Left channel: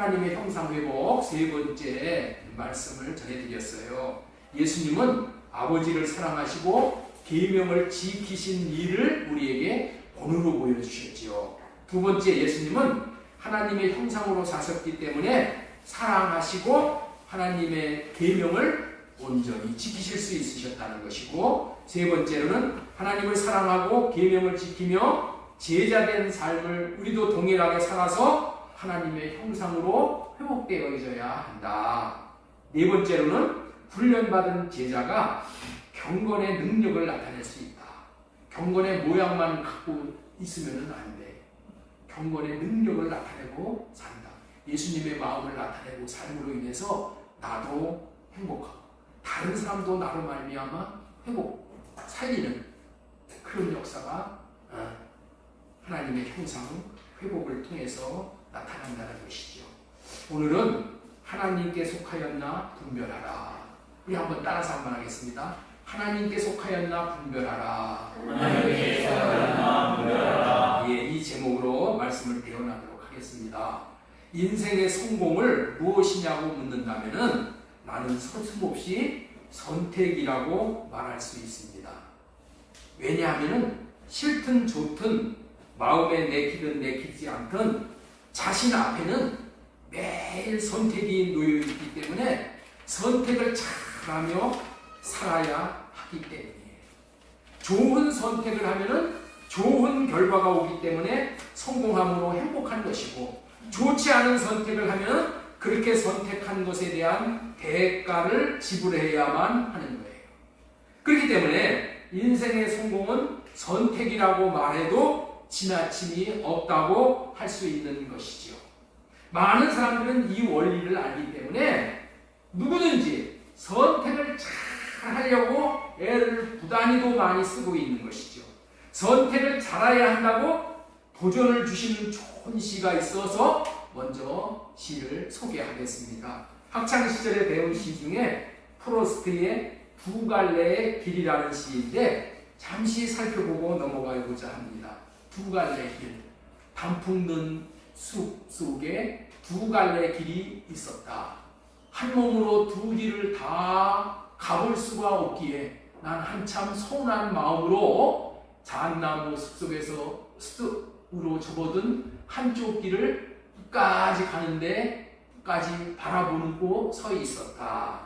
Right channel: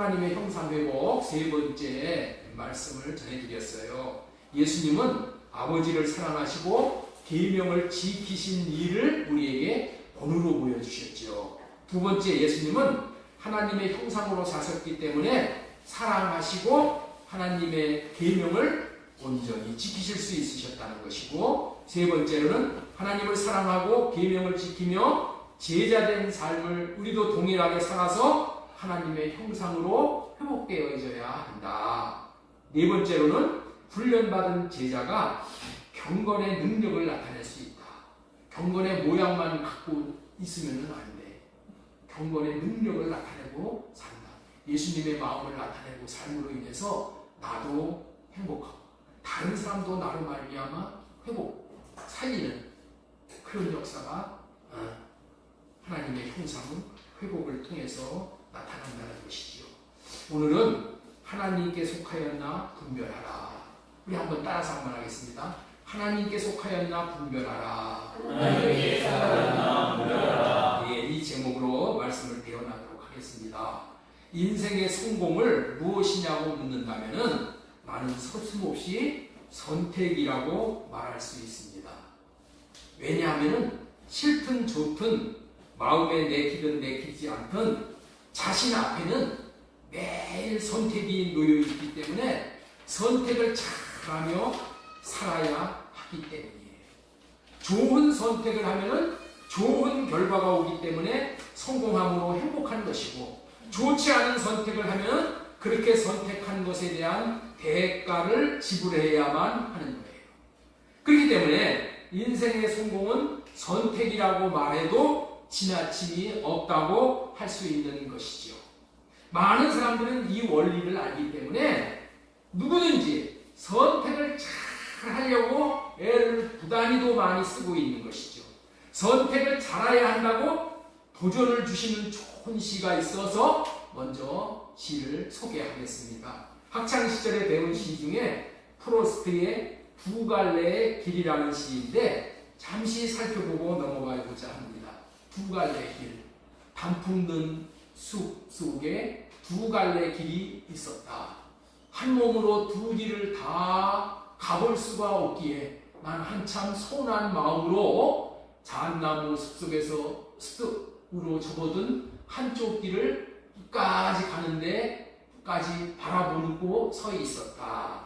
하나님의 형상 회복 세 번째 말씀을 전해드렸어요. 예수님은 아버지를 사랑하시고 계명을 지키신 일을 우리에게 본으로 보여주셨죠. 두 번째, 예수님은 하나님의 형상으로 사셨기 때문에 사랑하시고 하나님의 계명을 온전히 지키실 수 있으셨다는 것이고, 세 번째로는 하나님을 사랑하고 계명을 지키며 제자된 삶을 우리도 동일하게 살아서 하나님의 형상으로 회복되어져야 한다. 네 번째로는 훈련받은 제자가 경건의 능력을 나타낼 수 있다. 경건의 모양만 갖고 있으면 안 돼. 경건의 능력을 나타내고 산다. 예수님의 마음을 나타내고 삶으로 인해서 나도 행복하고 다른 사람도 나로 말미암아 살리는 그런 역사가 하나님의 형상 회복을 통해서 나타난다는 것이죠. 오늘은 하나님께 속하였나 분별하라. 우리 한번 따라서 한번 하겠습니다. 하나님께 속하였나 분별하라. 하나님께 속하였나 분별하라. 예, 이 제목으로 말씀을 대언하도록 하겠습니다. 인생의 성공을 무엇이냐고 묻는다면은 나는 서슴없이 선택이라고 말할 수 있습니다. 왜냐하면 싫든 좋든 마음에 내키든 내키지 않든 자신 앞에는 매일 선택이 놓여있기 때문에 선택을 잘하며 살아야 하기 때문이에요. 좋은 선택을 하면 좋은 결과가 오기 때문에 성공함으로 행복한 것이고, 좋지 않은 선택을 하면 그렇게 선택한 것에 대한 대가를 지불해야만 하는 거예요. 그렇기 때문에 인생의 성공은 선택이라고 말해도 지나침이 없다고 할 수 있는 것이죠. 많은 사람들은 이 원리를 알기 때문에 누구든지 선택을 잘 하려고 애를 부단히도 많이 쓰고 있는 것이죠. 선택을 잘해야 한다고 도전을 주시는 좋은 시가 있어서 먼저 시를 소개하겠습니다. 학창시절에 배운 시 중에 프로스트의 두 갈래의 길이라는 시인데 잠시 살펴보고 넘어가고자 합니다. 두 갈래의 길. 단풍 든 숲 속에 두 갈래의 길이 있었다. 한 몸으로 두 길을 다 가볼 수가 없기에 난 한참 서운한 마음으로 잣나무 숲속으로 접어든 한쪽 길을 끝까지 가는데 끝까지 바라보고 서 있었다.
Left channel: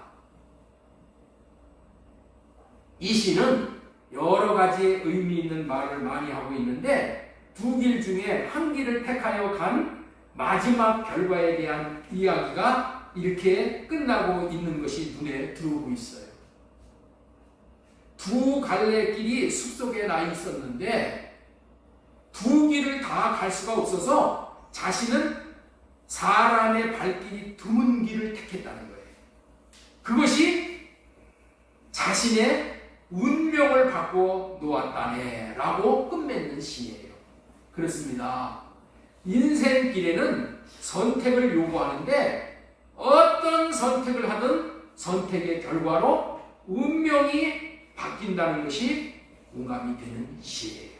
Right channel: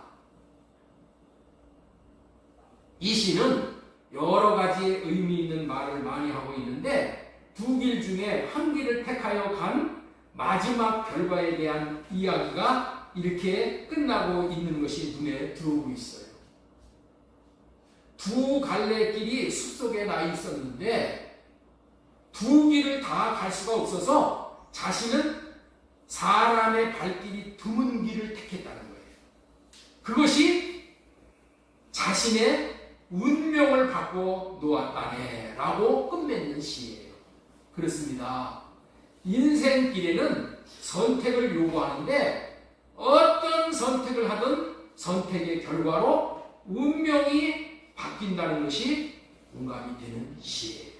이 시는 여러 가지 의미 있는 말을 많이 하고 있는데 두 길 중에 한 길을 택하여 간 마지막 결과에 대한 이야기가 이렇게 끝나고 있는 것이 눈에 들어오고 있어요. 두 갈래 길이 숲속에 나 있었는데 두 길을 다 갈 수가 없어서 자신은 사람의 발길이 드문 길을 택했다는 거예요. 그것이 자신의 운명을 바꿔 놓았다네 라고 끝맺는 시예요. 그렇습니다. 인생길에는 선택을 요구하는데 어떤 선택을 하든 선택의 결과로 운명이 바뀐다는 것이 공감이 되는 시예요.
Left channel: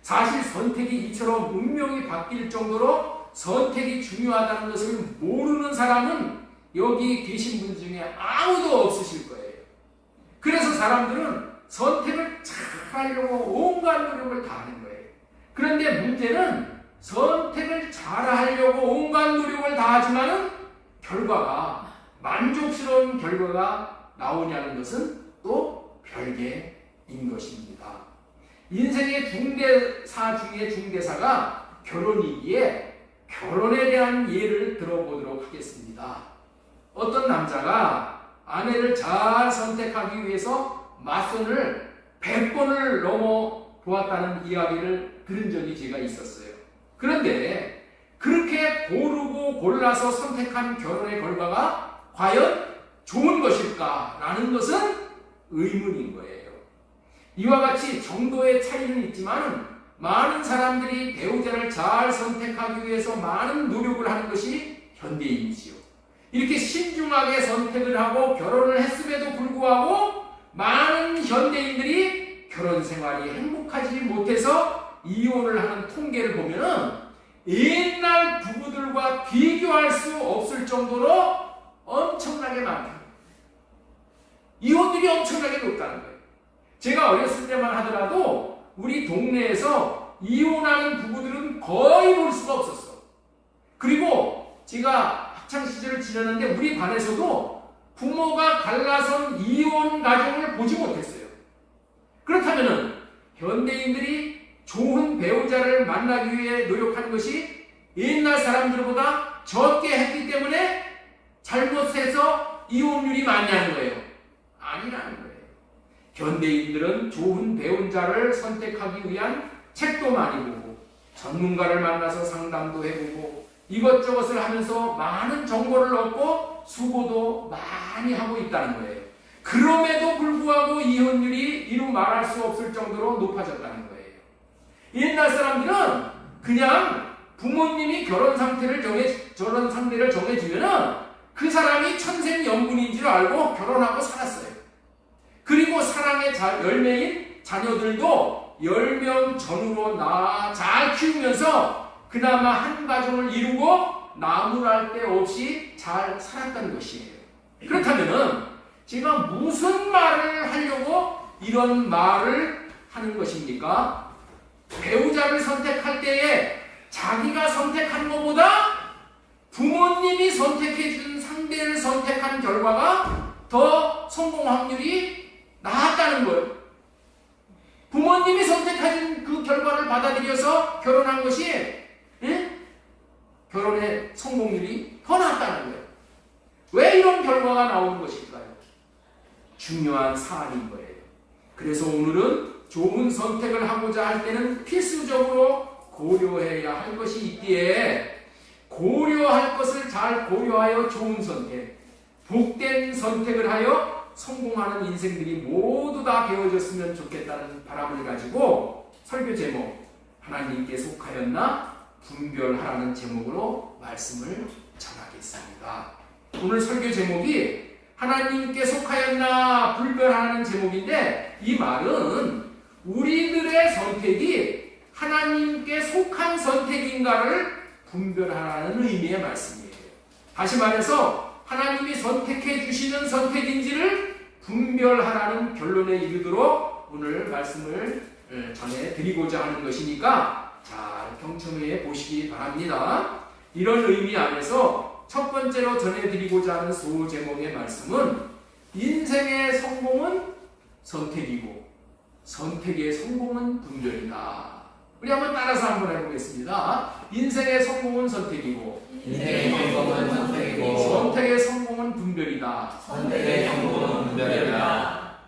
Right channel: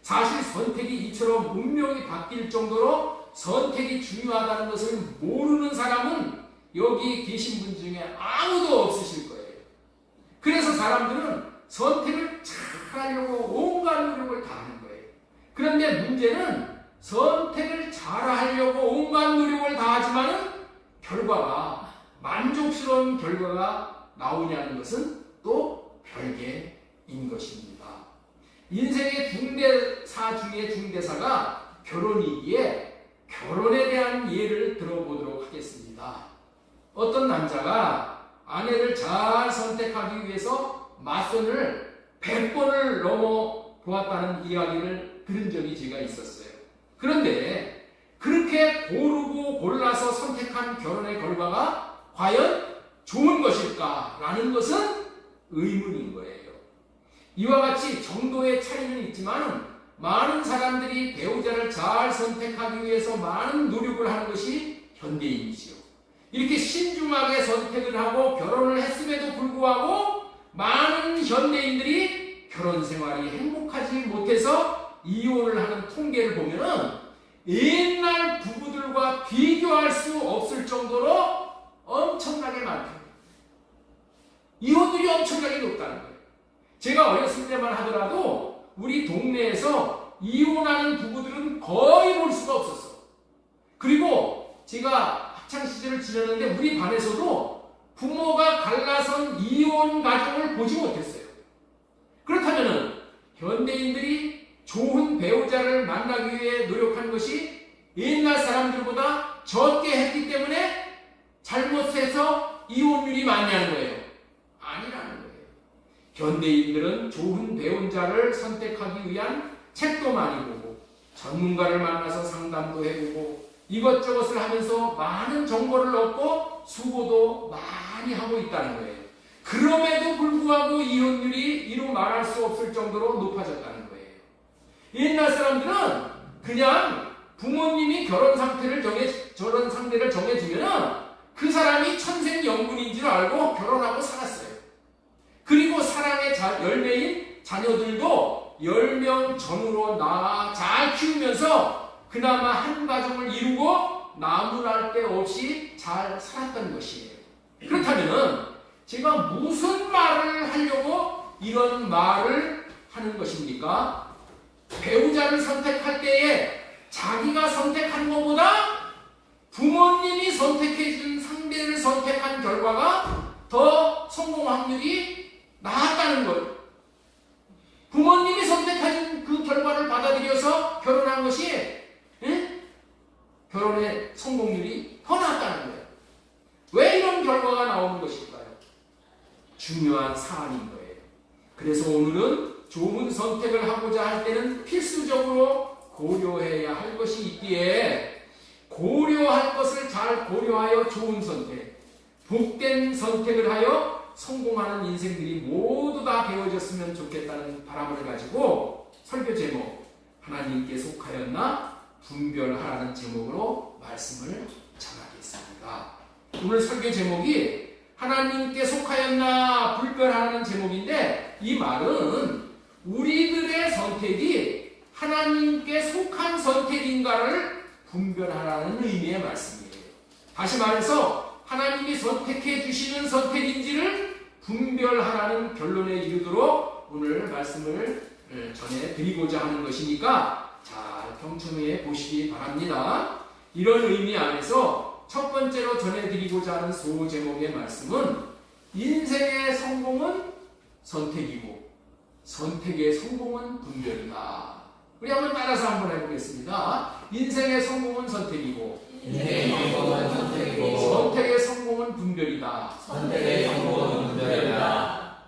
사실 선택이 이처럼 운명이 바뀔 정도로 선택이 중요하다는 것을 모르는 사람은 여기 계신 분 중에 아무도 없으실 거예요. 그래서 사람들은 선택을 잘 하려고 온갖 노력을 다 하는 거예요. 그런데 문제는 선택을 잘 하려고 온갖 노력을 다 하지만은 결과가 만족스러운 결과가 나오냐는 것은 또 별개인 것입니다. 인생의 중대사 중에 중대사가 결혼이기에 결혼에 대한 예를 들어보도록 하겠습니다. 어떤 남자가 아내를 잘 선택하기 위해서 맞선을 100번을 넘어 보았다는 이야기를 들은 적이 제가 있었어요. 그런데 그렇게 고르고 골라서 선택한 결혼의 결과가 과연 좋은 것일까라는 것은 의문인 거예요. 이와 같이 정도의 차이는 있지만 많은 사람들이 배우자를 잘 선택하기 위해서 많은 노력을 하는 것이 현대인이지요. 이렇게 신중하게 선택을 하고 결혼을 했음에도 불구하고 많은 현대인들이 결혼 생활이 행복하지 못해서 이혼을 하는 통계를 보면은 옛날 부부들과 비교할 수 없을 정도로 엄청나게 많다. 이혼율이 엄청나게 높다는 거예요. 제가 어렸을 때만 하더라도 우리 동네에서 이혼하는 부부들은 거의 볼 수가 없었어. 그리고 제가 학창시절을 지냈는데 우리 반에서도 부모가 갈라선 이혼 가정을 보지 못했어요. 그렇다면 현대인들이 좋은 배우자를 만나기 위해 노력한 것이 옛날 사람들보다 적게 했기 때문에 잘못해서 이혼율이 많냐는 거예요. 아니라는 거예요. 현대인들은 좋은 배우자를 선택하기 위한 책도 많이 보고 전문가를 만나서 상담도 해보고 이것저것을 하면서 많은 정보를 얻고 수고도 많이 하고 있다는 거예요. 그럼에도 불구하고 이혼율이 이루 말할 수 없을 정도로 높아졌다는 거예요. 옛날 사람들은 그냥 부모님이 결혼 상태를 정해주면은 그 사람이 천생연분인 줄 알고 결혼하고 살았어요. 그리고 사랑의 열매인 자녀들도 10명 전후로 잘 키우면서 그나마 한 가정을 이루고 나무랄 데 없이 잘 살았던 것이에요. 그렇다면은 제가 무슨 말을 하려고 이런 말을 하는 것입니까? 배우자를 선택할 때에 자기가 선택한 것보다 부모님이 선택해준 상대를 선택한 결과가 더 성공 확률이 나았다는 것. 부모님이 선택해준 그 결과를 받아들여서 결혼한 것이 결혼의 성공률이 더 낮다는 거예요. 왜 이런 결과가 나오는 것일까요? 중요한 사안인 거예요. 그래서 오늘은 좋은 선택을 하고자 할 때는 필수적으로 고려해야 할 것이 있기에 고려할 것을 잘 고려하여 좋은 선택, 복된 선택을 하여 성공하는 인생들이 모두 다 되어졌으면 좋겠다는 바람을 가지고 설교 제목 하나님께 속하였나 분별하라는 제목으로 말씀을 전하겠습니다. 오늘 설교 제목이 하나님께 속하였나 분별하라는 제목인데 이 말은 우리들의 선택이 하나님께 속한 선택인가를 분별하라는 의미의 말씀이에요. 다시 말해서 하나님이 선택해 주시는 선택인지를 분별하라는 결론에 이르도록 오늘 말씀을 전해드리고자 하는 것이니까 잘 경청해 보시기 바랍니다. 이런 의미 안에서 첫 번째로 전해드리고자 하는 소제목의 말씀은 인생의 성공은 선택이고 선택의 성공은 분별이다. 우리 한번 따라서 한번 해보겠습니다. 인생의 성공은 선택이고 인생의 성공은 선택이고 선택의 성공은 분별이다. 선택의 성공은 분별이다.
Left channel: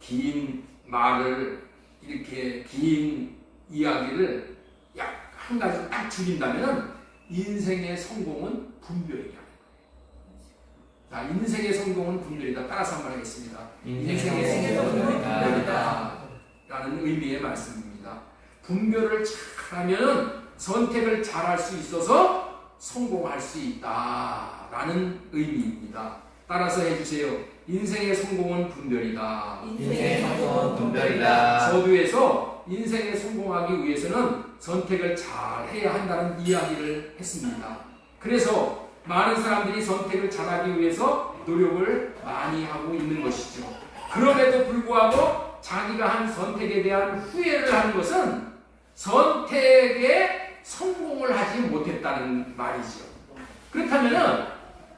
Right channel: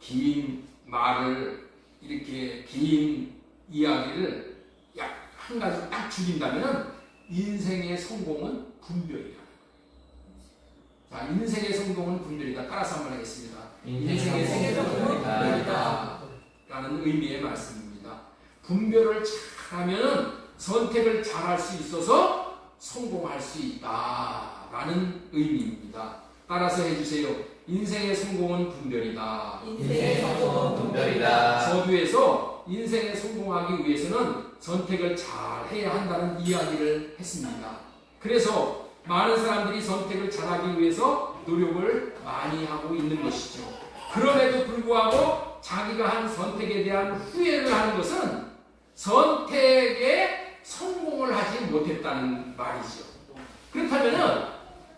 긴 말을 이렇게 긴 이야기를 약 한 가지 딱 줄인다면 인생의 성공은 분별이다. 자, 인생의 성공은 분별이다. 따라서 한번 하겠습니다. 인생의 성공은 분별이다. 라는 의미의 말씀입니다. 분별을 잘하면 선택을 잘할 수 있어서 성공할 수 있다. 라는 의미입니다. 따라서 해주세요. 인생의 성공은 분별이다. 인생의 성공은 분별이다. 서두에서 인생에 성공하기 위해서는 선택을 잘 해야 한다는 이야기를 했습니다. 그래서 많은 사람들이 선택을 잘하기 위해서 노력을 많이 하고 있는 것이죠. 그럼에도 불구하고 자기가 한 선택에 대한 후회를 하는 것은 선택에 성공을 하지 못했다는 말이죠. 그렇다면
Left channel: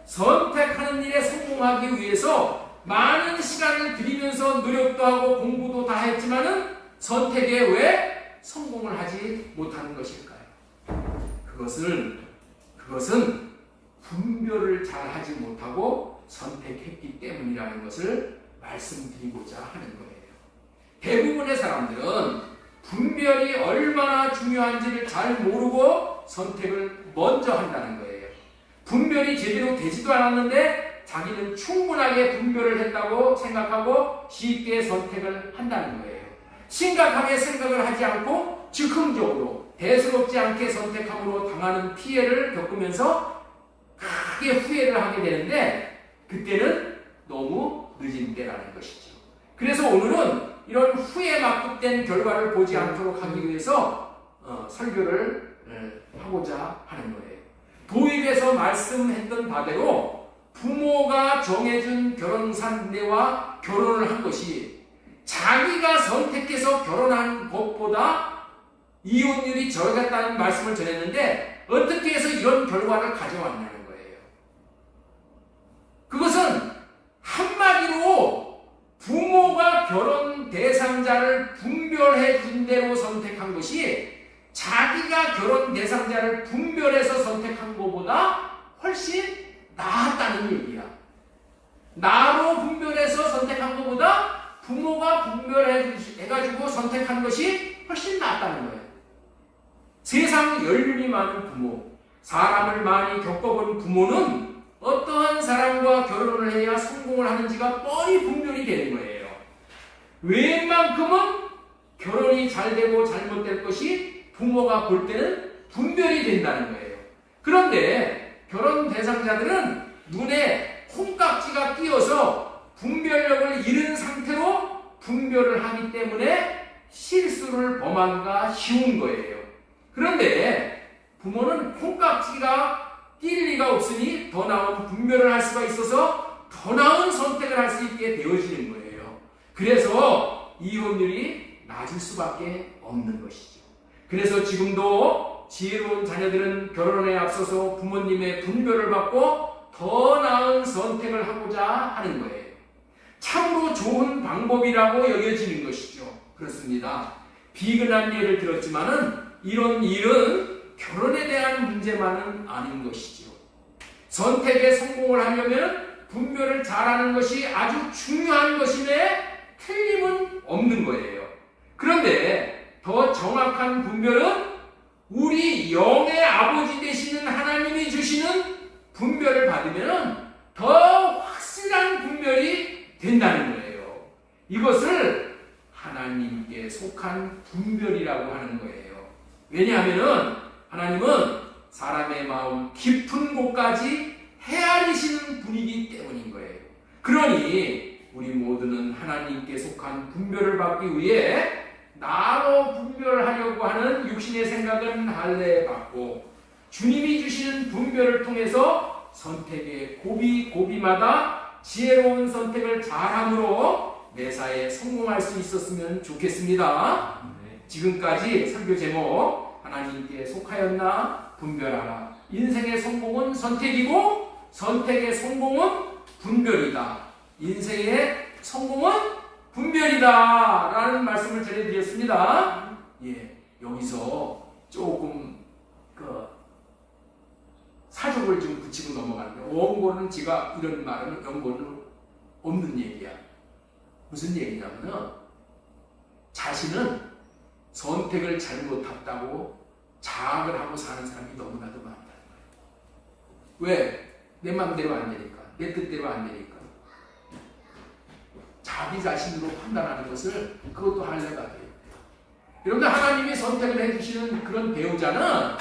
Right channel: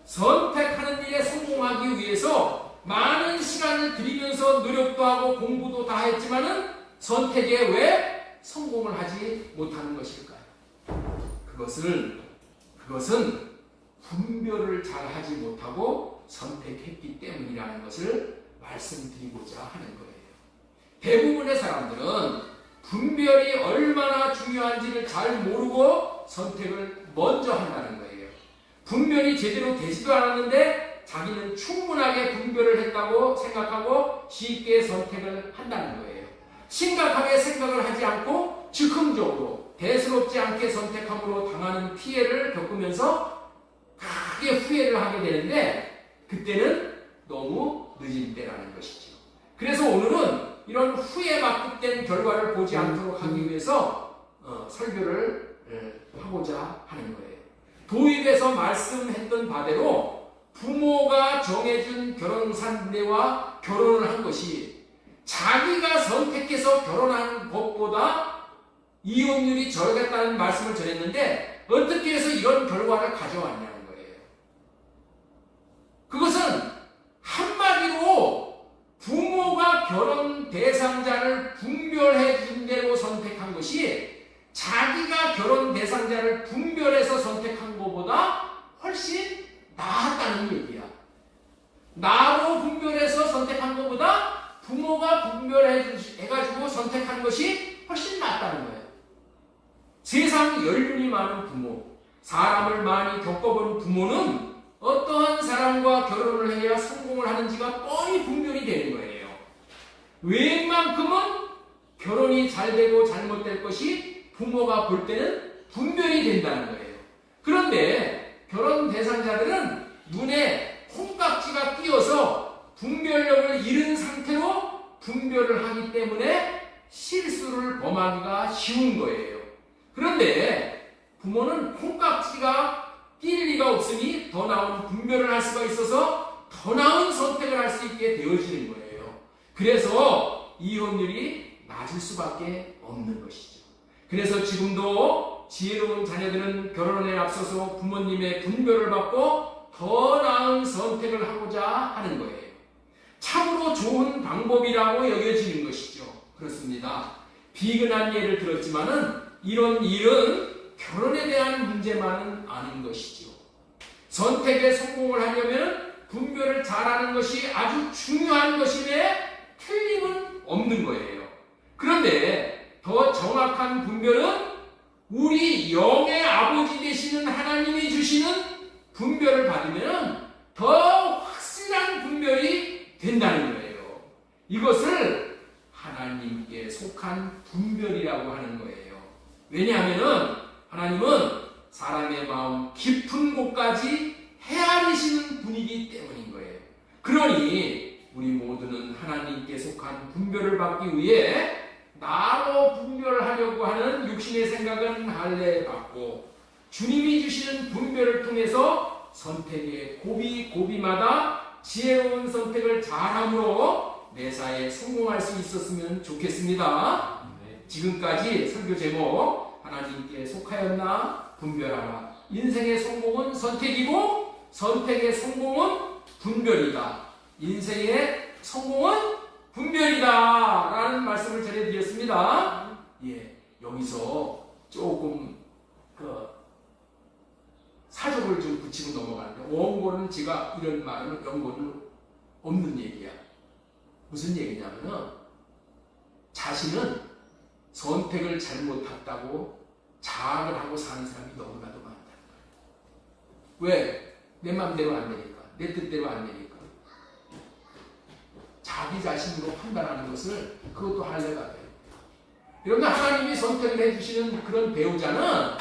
선택하는 일에 성공하기 위해서 많은 시간을 들이면서 노력도 하고 공부도 다 했지만은 선택에 왜 성공을 하지 못하는 것일까요? 그것은 분별을 잘 하지 못하고 선택했기 때문이라는 것을 말씀드리고자 하는 거예요. 대부분의 사람들은 분별이 얼마나 중요한지를 잘 모르고 선택을 먼저 한다는 거예요. 분별이 제대로 되지도 않았는데 자기는 충분하게 분별을 했다고 생각하고 쉽게 선택을 한다는 거예요. 심각하게 생각을 하지 않고 즉흥적으로 대수롭지 않게 선택함으로 당하는 피해를 겪으면서 크게 후회를 하게 되는데 그때는 너무 늦은 때라는 것이죠. 그래서 오늘은 이런 후회 맞붙된 결과를 보지 않도록 하기 위해서 설교를 하고자 하는 거예요. 도입에서 말씀했던 바대로 부모가 정해준 결혼 상대와 결혼을 한 것이 자기가 선택해서 결혼한 것보다 이혼율이 적었다는 말씀을 전했는데 어떻게 해서 이런 결과를 가져왔냐는 거예요. 그것은 한마디로 부모가 결혼 대상자를 분별해 준 대로 선택한 것이 자기가 결혼 대상자를 분별해서 선택한 것보다 훨씬 나았다는 얘기야. 나로 분별해서 선택한 것보다 부모가 분별해가지고 선택한 것이 훨씬 낫다는 거예요. 세상 연륜이 많은 부모, 사람을 많이 겪어본 부모는 어떠한 사람과 결혼을 해야 성공을 하는지가 뻔히 분별이 되는 거예요. 웬만큼은 결혼이 잘 되고 잘못될 것이 부모가 볼 때는 분별이 된다는 거예요. 그런데 결혼 대상자들은 눈에 콩깍지가 끼어서 분별력을 잃은 상태로 분별을 하기 때문에 실수를 범하기가 쉬운 거예요. 그런데 부모는 콩깍지가 낄 리가 없으니 더 나은 분별을 할 수가 있어서 더 나은 선택을 할 수 있게 되어지는 거예요. 그래서 이혼율이 낮을 수밖에 없는 것이죠. 그래서 지금도 지혜로운 자녀들은 결혼에 앞서서 부모님의 분별을 받고 더 나은 선택을 하고자 하는 거예요. 참으로 좋은 방법이라고 여겨지는 것이죠. 그렇습니다. 비근한 예를 들었지만은 이런 일은 결혼에 대한 문제만은 아닌 것이죠. 선택에 성공을 하려면 분별을 잘하는 것이 아주 중요한 것임에 틀림은 없는 거예요. 그런데 더 정확한 분별은 우리 영의 아버지 되시는 하나님이 주시는 분별을 받으면 더 확실한 분별이 된다는 거예요. 이것을 하나님께 속한 분별이라고 하는 거예요. 왜냐하면 하나님은 사람의 마음 깊은 곳까지 헤아리시는 분이기 때문인 거예요. 그러니 우리 모두는 하나님께 속한 분별을 받기 위해 나로 분별하려고 하는 육신의 생각은 할례받고 주님이 주시는 분별을 통해서 선택의 고비마다 지혜로운 선택을 잘함으로 매사에 성공할 수 있었으면 좋겠습니다. 지금까지 설교 제목 하나님께 속하였나 분별하라. 인생의 성공은 선택이고 선택의 성공은 분별이다. 인생의 성공은 분별이다 라는 말씀을 전해드렸습니다. 여기서 조금 사족을 좀 붙이고 넘어가는데 원고는 제가 이런 말은 원고는 없는 얘기야. 무슨 얘기냐면은 자신은 선택을 잘못했다고 자학을 하고 사는 사람이 너무나도 많다. 왜? 내 마음대로 안 되니까. 내 뜻대로 안 되니까. 자기 자신으로 판단하는 것을 그것도 할례가 돼요. 여러분들 하나님이 선택을 해주시는 그런 배우자는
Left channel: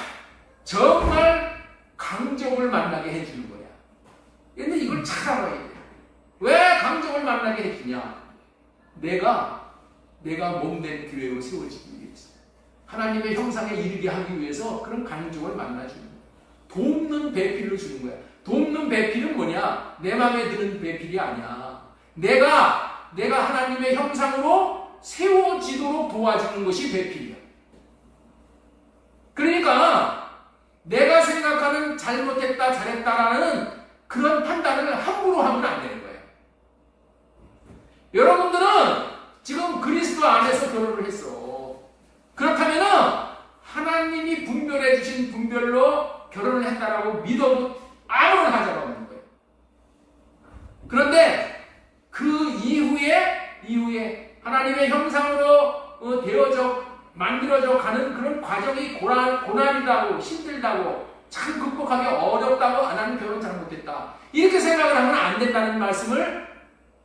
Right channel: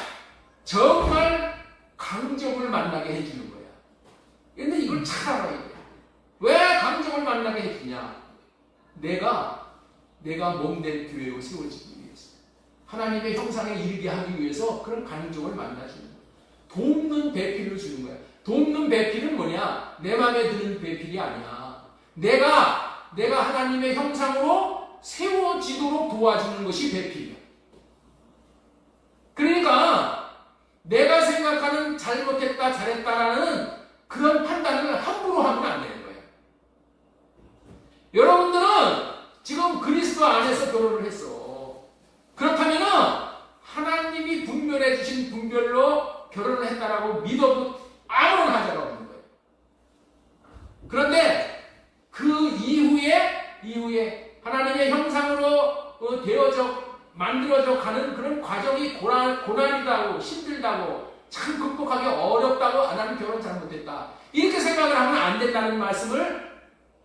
정말 강적을 만나게 해주는 거야. 그런데 이걸 잘 알아야 돼. 왜 강적을 만나게 해주냐? 내가 몸된 교회로 세워지기 위해서 하나님의 형상에 이르게 하기 위해서 그런 강적을 만나주는 거야. 돕는 배필을 주는 거야. 돕는 배필은 뭐냐? 내 마음에 드는 배필이 아니야. 내가 하나님의 형상으로 세워지도록 도와주는 것이 배필이야. 그러니까 내가 생각하는 잘못했다 잘했다라는 그런 판단을 함부로 하면 안 되는 거예요. 여러분들은 지금 그리스도 안에서 결혼을 했어. 그렇다면 하나님이 분별해 주신 분별로 결혼을 했다라고 믿어도 아무런 하자가 없는 거예요. 그런데 그 이후에 하나님의 형상으로 만들어져 가는 그런 과정이 고난이라고 힘들다고 참 극복하기 어렵다고 나는 결혼 잘못했다 이렇게 생각을 하면 안 된다는 말씀을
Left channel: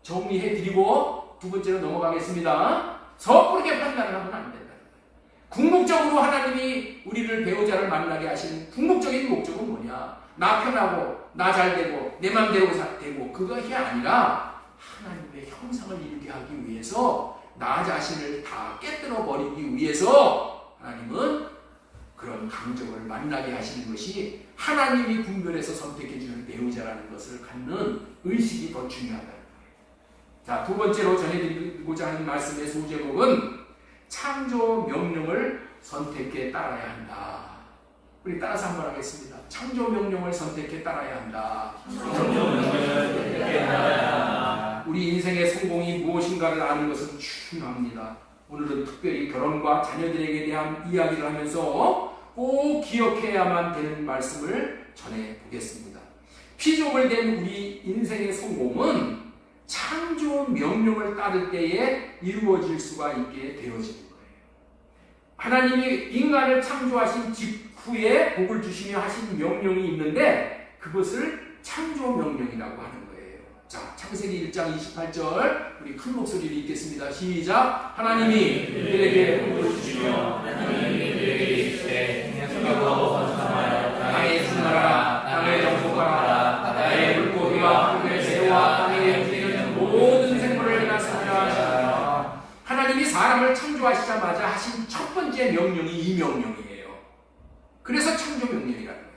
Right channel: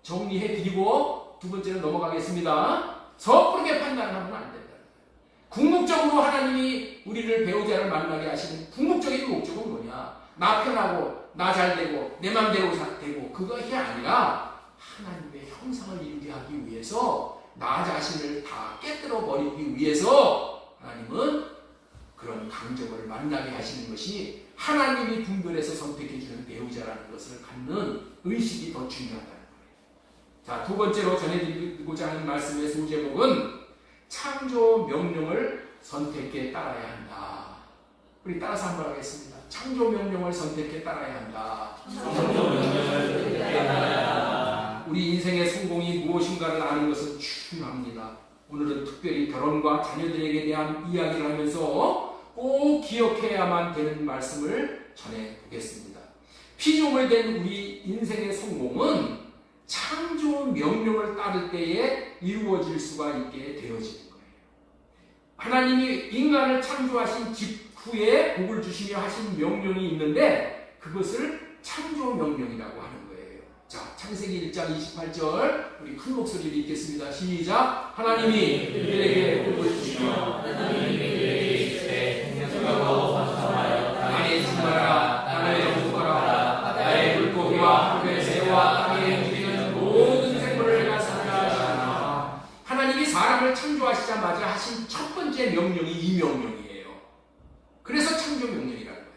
정리해 드리고 두 번째로 넘어가겠습니다. 섣부르게 판단을 하면 안 된다. 궁극적으로 하나님이 우리를 배우자를 만나게 하시는 궁극적인 목적은 뭐냐? 나 편하고 나 잘되고 내 맘대로 되고 그것이 아니라 하나님의 형상을 이루게 하기 위해서 나 자신을 다 깨뜨려 버리기 위해서 하나님은 그런 강적을 만나게 하시는 것이 하나님이 분별해서 선택해 주는 배우자라는 것을 갖는 의식이 더 중요하다는 거예요. 자, 두 번째로 전해드리고자 하는 말씀의 소제목은 창조 명령을 선택해 따라야 한다. 우리 따라서 한번 하겠습니다. 창조 명령을 선택해 따라야 한다. 창조 명령을 선택해 따라야 한다. 우리 인생의 성공이 무엇인가를 아는 것은 중요합니다. 오늘은 특별히 결혼과 자녀들에게 대한 이야기를 하면서 꼭 기억해야만 되는 말씀을 전해보겠습니다. 피조물 된 우리 인생의 성공은 창조 명령을 따를 때에 이루어질 수가 있게 되어지는 거예요. 하나님이 인간을 창조하신 직후에 복을 주시며 하신 명령이 있는데 그것을 창조 명령이라고 하는 거예요. 자, 창세기 1장 28절 우리 큰 목소리로 읽겠습니다. 시작. 하나님이 그들에게 복을 주시며 하나님이 그들에게 이르시되 생육하고 번성하여 땅에 충만하라. 땅에 정복하라. 바다의 물고기와 하늘의 새와 땅에 움직이는 모든 생물을 내가 창조하시라. 하나님이 사람을 창조하시자마자 하신 첫 번째 명령이 이 명령이에요. 그래서 창조 명령이라는 거예요.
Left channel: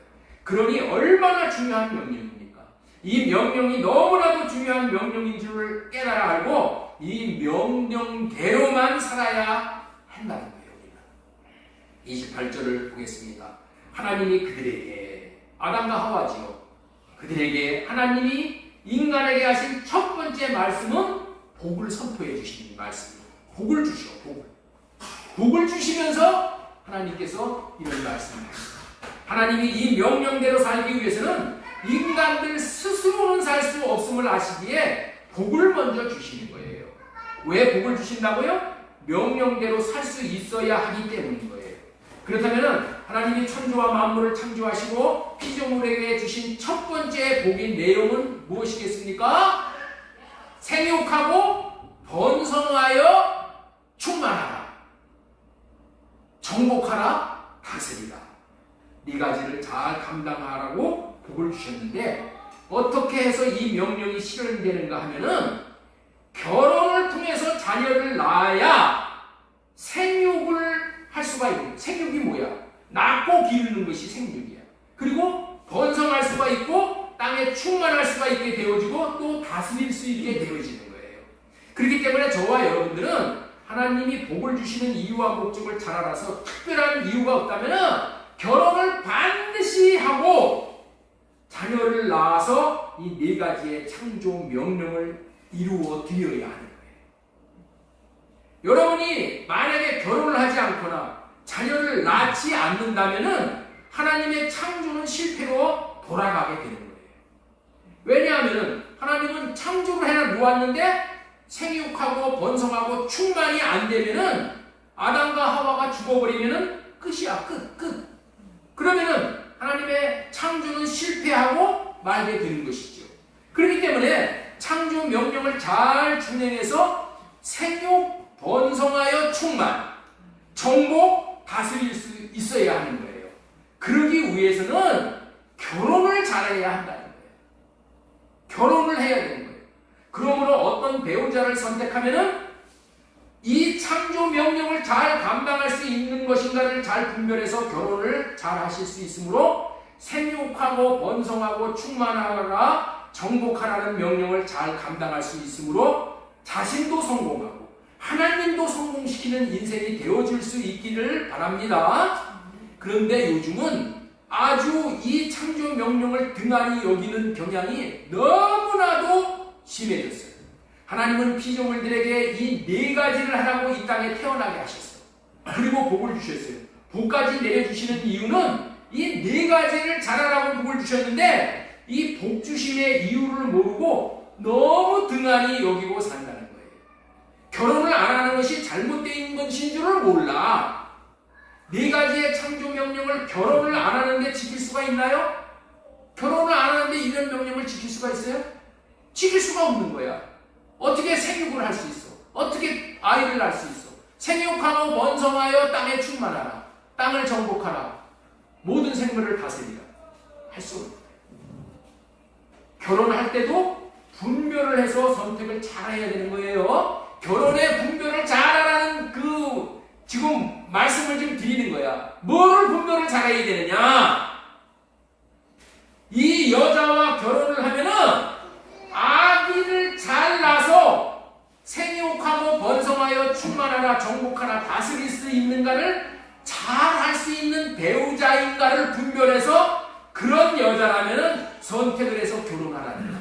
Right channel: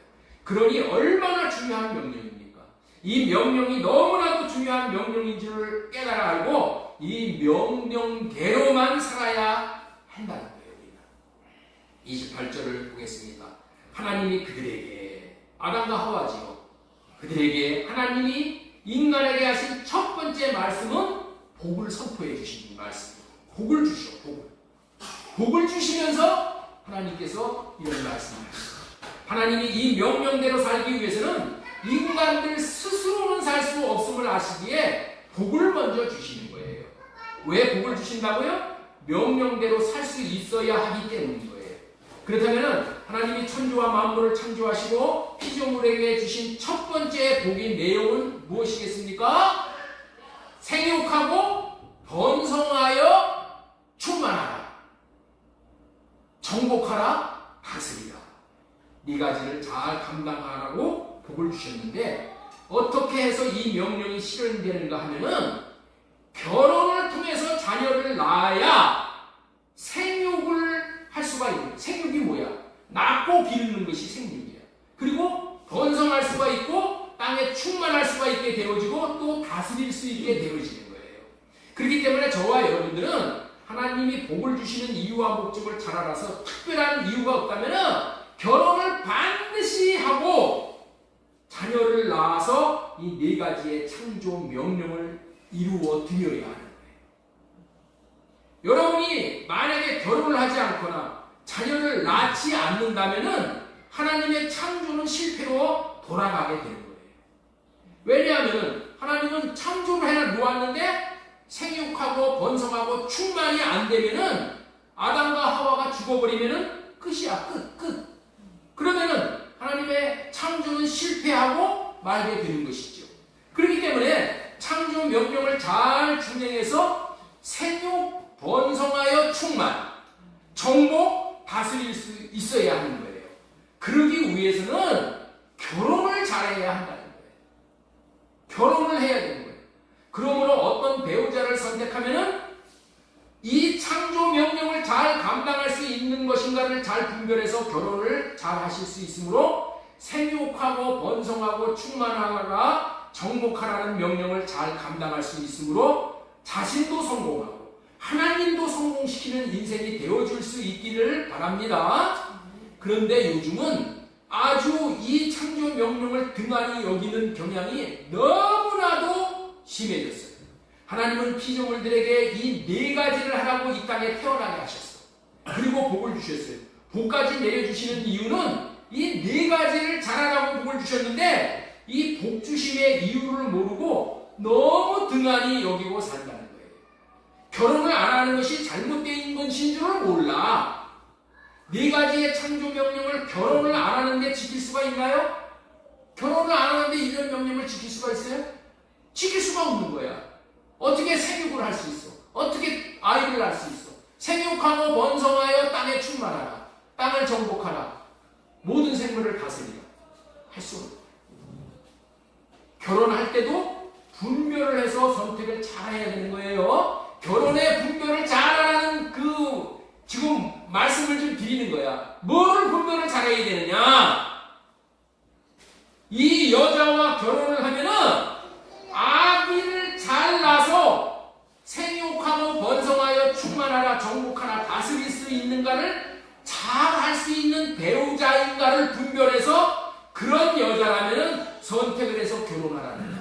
그러니 얼마나 중요한 명령입니까? 이 명령이 너무나도 중요한 명령인 줄을 깨달아 알고 이 명령대로만 살아야 한다는 거예요. 우리는 28절을 보겠습니다. 하나님이 그들에게, 아담과 하와지요, 그들에게 하나님이 인간에게 하신 첫 번째 말씀은 복을 선포해 주신 말씀입니다. 복을 주시오. 복을 주시면서 하나님께서 이런 말씀을 하십니다. 하나님이 이 명령대로 살기 위해서는 인간들 스스로는 살 수 없음을 아시기에 복을 먼저 주시는 거예요. 왜 복을 주신다고요? 명령대로 살 수 있어야 하기 때문인 거예요. 그렇다면 하나님이 천지와 만물을 창조하시고 피조물에게 주신 첫 번째 복의 내용은 무엇이겠습니까? 생육하고 번성하여 충만하라, 정복하라, 다스리라, 네 가지를 잘 감당하라고 복을 주셨는데 어떻게 해서 이 명령이 실현되는가 하면은 결혼을 통해서 자녀를 낳아야 생육을 할 수가 있는. 생육이 뭐야? 낳고 기르는 것이 생육이야. 그리고 번성할 수가 있고 땅에 충만할 수가 있게 되어지고 또 다스릴 수 있게 되어지는 거예요. 그렇기 때문에 저와 여러분들은 하나님이 복을 주시는 이유와 목적을 잘 알아서 특별한 이유가 없다면 결혼을 반드시 하고 자녀를 낳아서 이 네 가지의 창조 명령을 이루어 드려야 하는 거예요. 여러분이 만약에 결혼을 하지 않거나 자녀를 낳지 않는다면 하나님의 창조는 실패로 돌아가게 되는 거예요. 왜냐하면 하나님은 창조를 해 놓았는데 생육하고 번성하고 충만이 안 되면은 아담과 하와가 죽어버리면은 끝이야. 끝. 그러면은 하나님의 창조는 실패하고 말게 되는 것이죠. 그렇기 때문에 창조 명령을 잘 준행해서 생육, 번성하여 충만, 정복, 다스릴 수 있어야 하는 거예요. 그러기 위해서는 결혼을 잘해야 한다는 거예요. 결혼을 해야 되는 거예요. 그러므로 어떤 배우자를 선택하면은 이 창조 명령을 잘 감당할 수 있는 것인가를 잘 분별해서 결혼을 잘 하실 수 있으므로 생육하고 번성하고 충만하라, 정복하라는 명령을 잘 감당할 수 있으므로 자신도 성공하고 하나님도 성공시키는 인생이 되어줄 수 있기를 바랍니다. 그런데 요즘은 아주 이 창조 명령을 등한히 여기는 경향이 너무나도 심해졌어요. 하나님은 피조물들에게 이 네 가지를 하라고 이 땅에 태어나게 하셨어요. 그리고 복을 주셨어요. 복까지 내려주시는 이유는 이 네 가지를 잘하라고 복을 주셨는데 이 복 주심의 이유를 모르고 너무 등한히 여기고 산다는 거예요. 결혼을 안 하는 것이 잘못된 것인 줄을 몰라. 네 가지의 창조 명령을 결혼을 안 하는데 지킬 수가 있나요? 결혼을 안 하는데 이런 명령을 지킬 수가 있어요? 지킬 수가 없는 거야. 어떻게 생육을 할 수 있어? 어떻게 아이를 낳을 수 있어? 생육하고 번성하여 땅에 충만하라. 땅을 정복하라. 모든 생물을 다스리라. 할 수 없는 거야. 결혼할 때도 분별을 해서 선택을 잘 해야 되는 거예요. 결혼의 분별을 잘하라는 지금 말씀을 좀 드리는 거야. 뭐를 분별을 잘해야 되느냐? 이 여자와 결혼을 하면은 아기를 잘 낳아서 생육하고 번성하여 충만하라 정복하라 다스릴 수 있는가를 잘 할 수 있는 배우자인가를 분별해서 그런 여자라면은 선택을 해서 결혼하라는 거야.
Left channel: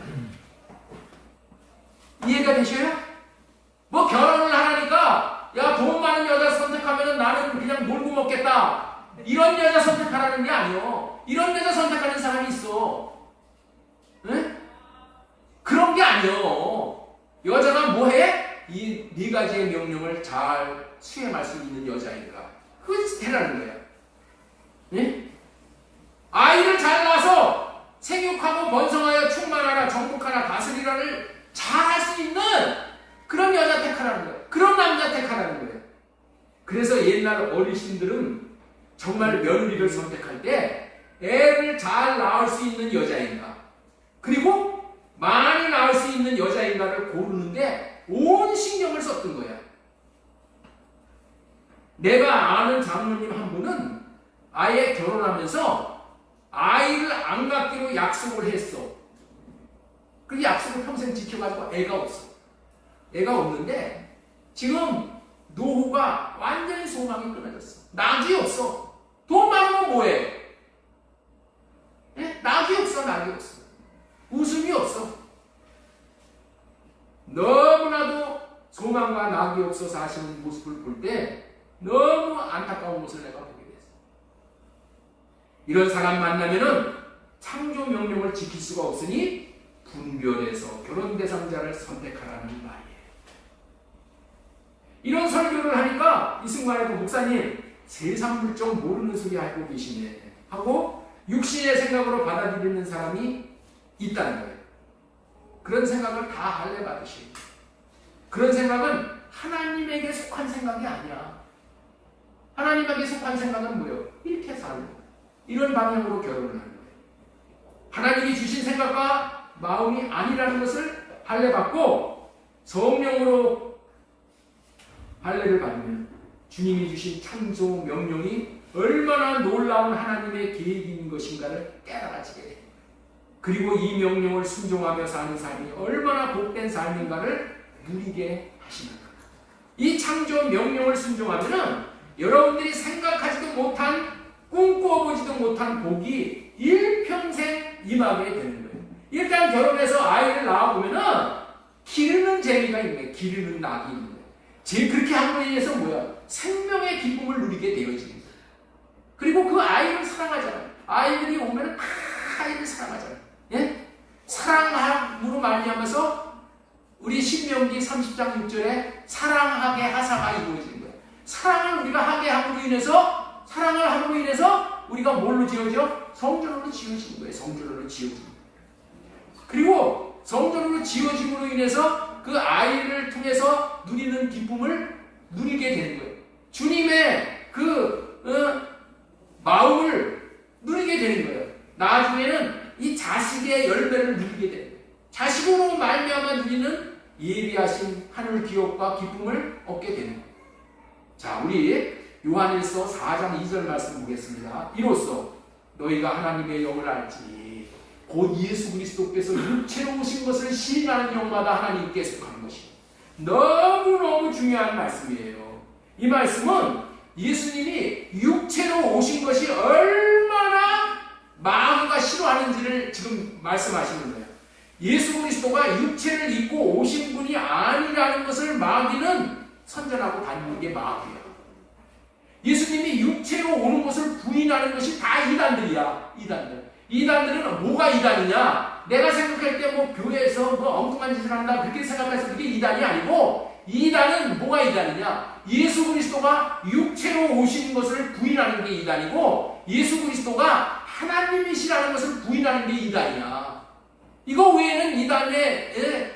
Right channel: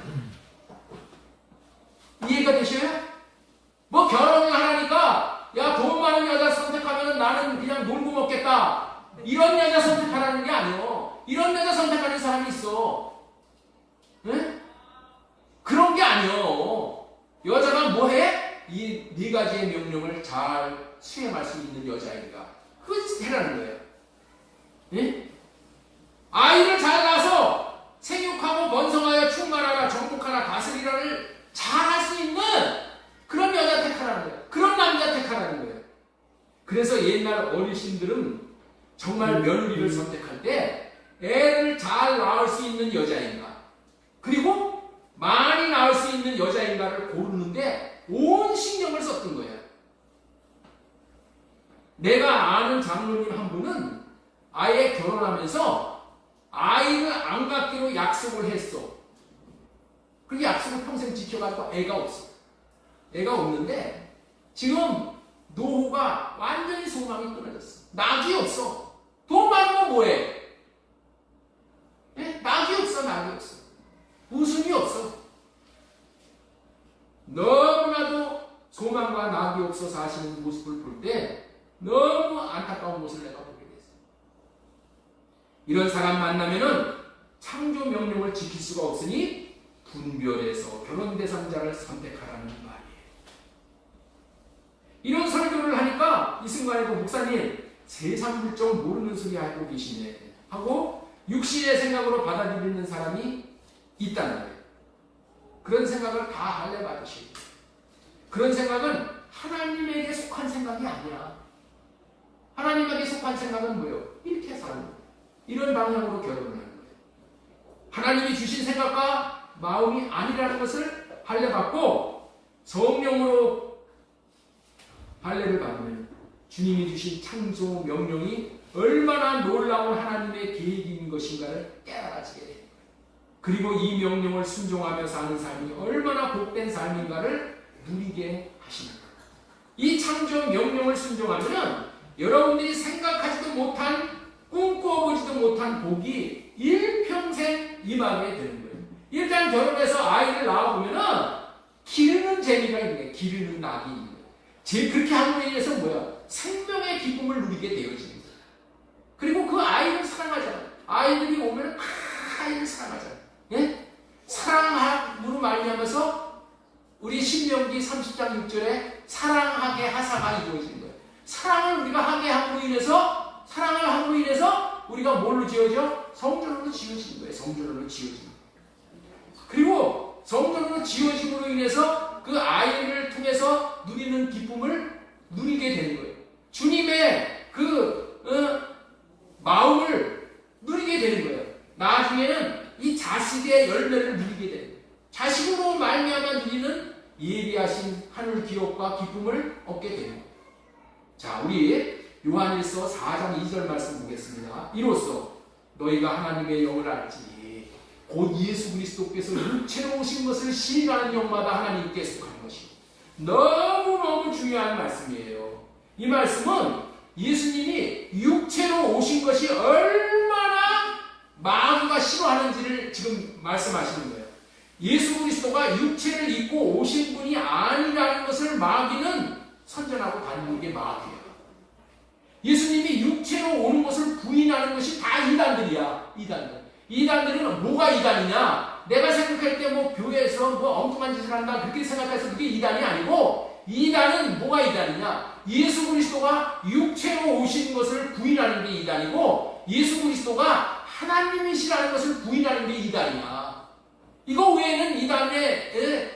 이해가 되셔요? 뭐 결혼을 하라니까 야 돈 많은 여자 선택하면은 나는 그냥 놀고 먹겠다 이런 여자 선택하라는 게 아니요. 이런 여자 선택하는 사람이 있어. 네? 그런 게 아니요. 여자가 뭐해? 이 네 가지의 명령을 잘 수행할 수 있는 여자인가 그걸 해라는 거야. 네? 아이를 잘 낳아서 생육하고 번성하여 충만하라 정복하라 다스리라를 잘 할 수 있는 그런 여자 택하라는 거예요. 그런 남자 택하라는 거예요. 그래서 옛날 어르신들은 정말 며느리를 선택할 때 애를 잘 낳을 수 있는 여자인가 그리고 많이 낳을 수 있는 여자인가를 고르는데 온 신경을 썼던 거야. 내가 아는 장로님 한 분은 아예 결혼하면서 아이를 안 갖기로 약속을 했어. 그 약속을 평생 지켜가지고 애가 없어. 애가 없는데 지금 노후가 완전히 소망이 끊어졌어. 낙이 없어. 돈 많으면 뭐해? 네? 낙이 없어. 낙이 없어. 웃음이 없어. 너무나도 소망과 낙이 없어 사시는 모습을 볼 때 너무 안타까운 모습을 내가 보게 됐어. 이런 사람 만나면은 창조 명령을 지킬 수가 없으니 분별해서 결혼 대상자를 선택하라는 말이에요. 이런 설교를 하니까 이승만에도 목사님 세상 물정 모르는 소리 하고 계시네 하고 육신의 생각으로 받아들이는 사람이 있다는 거예요. 그런 생각을 다 할래 받으셔야 돼요. 그런 생각은 하나님에게 속한 생각이 아니야. 하나님에게 속한 생각은 뭐예요? 이렇게 사는 거예요. 이런 방향으로 결혼을 하는 거예요. 하나님이 주신 생각과 마음이 아니라는 것을 할례 받고 성령으로 할례를 받으면 주님이 주신 창조 명령이 얼마나 놀라운 하나님의 계획인 것인가를 깨달아지게 돼요. 그리고 이 명령을 순종하며 사는 삶이 얼마나 복된 삶인가를 누리게 하시는 거예요. 이 창조 명령을 순종하면 여러분들이 생각하지도 못한 꿈꿔보지도 못한 복이 일평생 임하게 되는 거예요. 일단 결혼해서 아이를 낳아보면은 기르는 재미가 있는 거예요. 기르는 낙이 있는 거예요. 그렇게 함으로 인해서 뭐야? 생명의 기쁨을 누리게 되어지는 거예요. 그리고 그 아이를 사랑하잖아요. 아이들이 오면 아이를 사랑하잖아요. 예? 사랑함으로 말미암아서 우리 신명기 30장 6절에 사랑하게 하사가 이루어지는 거예요. 사랑을 우리가 하게 함으로 인해서 사랑을 함으로 인해서 우리가 뭘로 지어져? 성전으로 지어지는 거예요. 성전으로 지어지는 거예요. 그리고 성전으로 지어짐으로 인해서 그 아이를 통해서 누리는 기쁨을 누리게 되는 거예요. 주님의 마음을 누리게 되는 거예요. 나중에는 이 자식의 열매를 누리게 되는 거예요. 자식으로 말미암아 누리는 예비하신 하늘 기업과 기쁨을 얻게 되는 거예요. 자, 우리 요한일서 4장 2절 말씀 보겠습니다. 이로써 너희가 하나님의 영을 알지 곧 예수 그리스도께서 육체로 오신 것을 시인하는 영마다 하나님께 속한 것이 너무너무 중요한 말씀이에요. 이 말씀은 예수님이 육체로 오신 것이 얼마나 마귀가 싫어하는지를 지금 말씀하시는 거예요. 예수 그리스도가 육체를 입고 오신 분이 아니라는 것을 마귀는 선전하고 다니는 게 마귀예요. 예수님이 육체로 오는 것을 부인하는 것이 다 이단들이야. 이단들은 뭐가 이단이냐? 내가 생각할 때 뭐 교회에서 뭐 엉뚱한 짓을 한다 그렇게 생각해서 그게 이단이 아니고 이단은 뭐가 이단이냐? 예수 그리스도가 육체로 오신 것을 부인하는 게 이단이고 예수 그리스도가 하나님이시라는 것을 부인하는 게 이단이야. 이거 외에는 이단의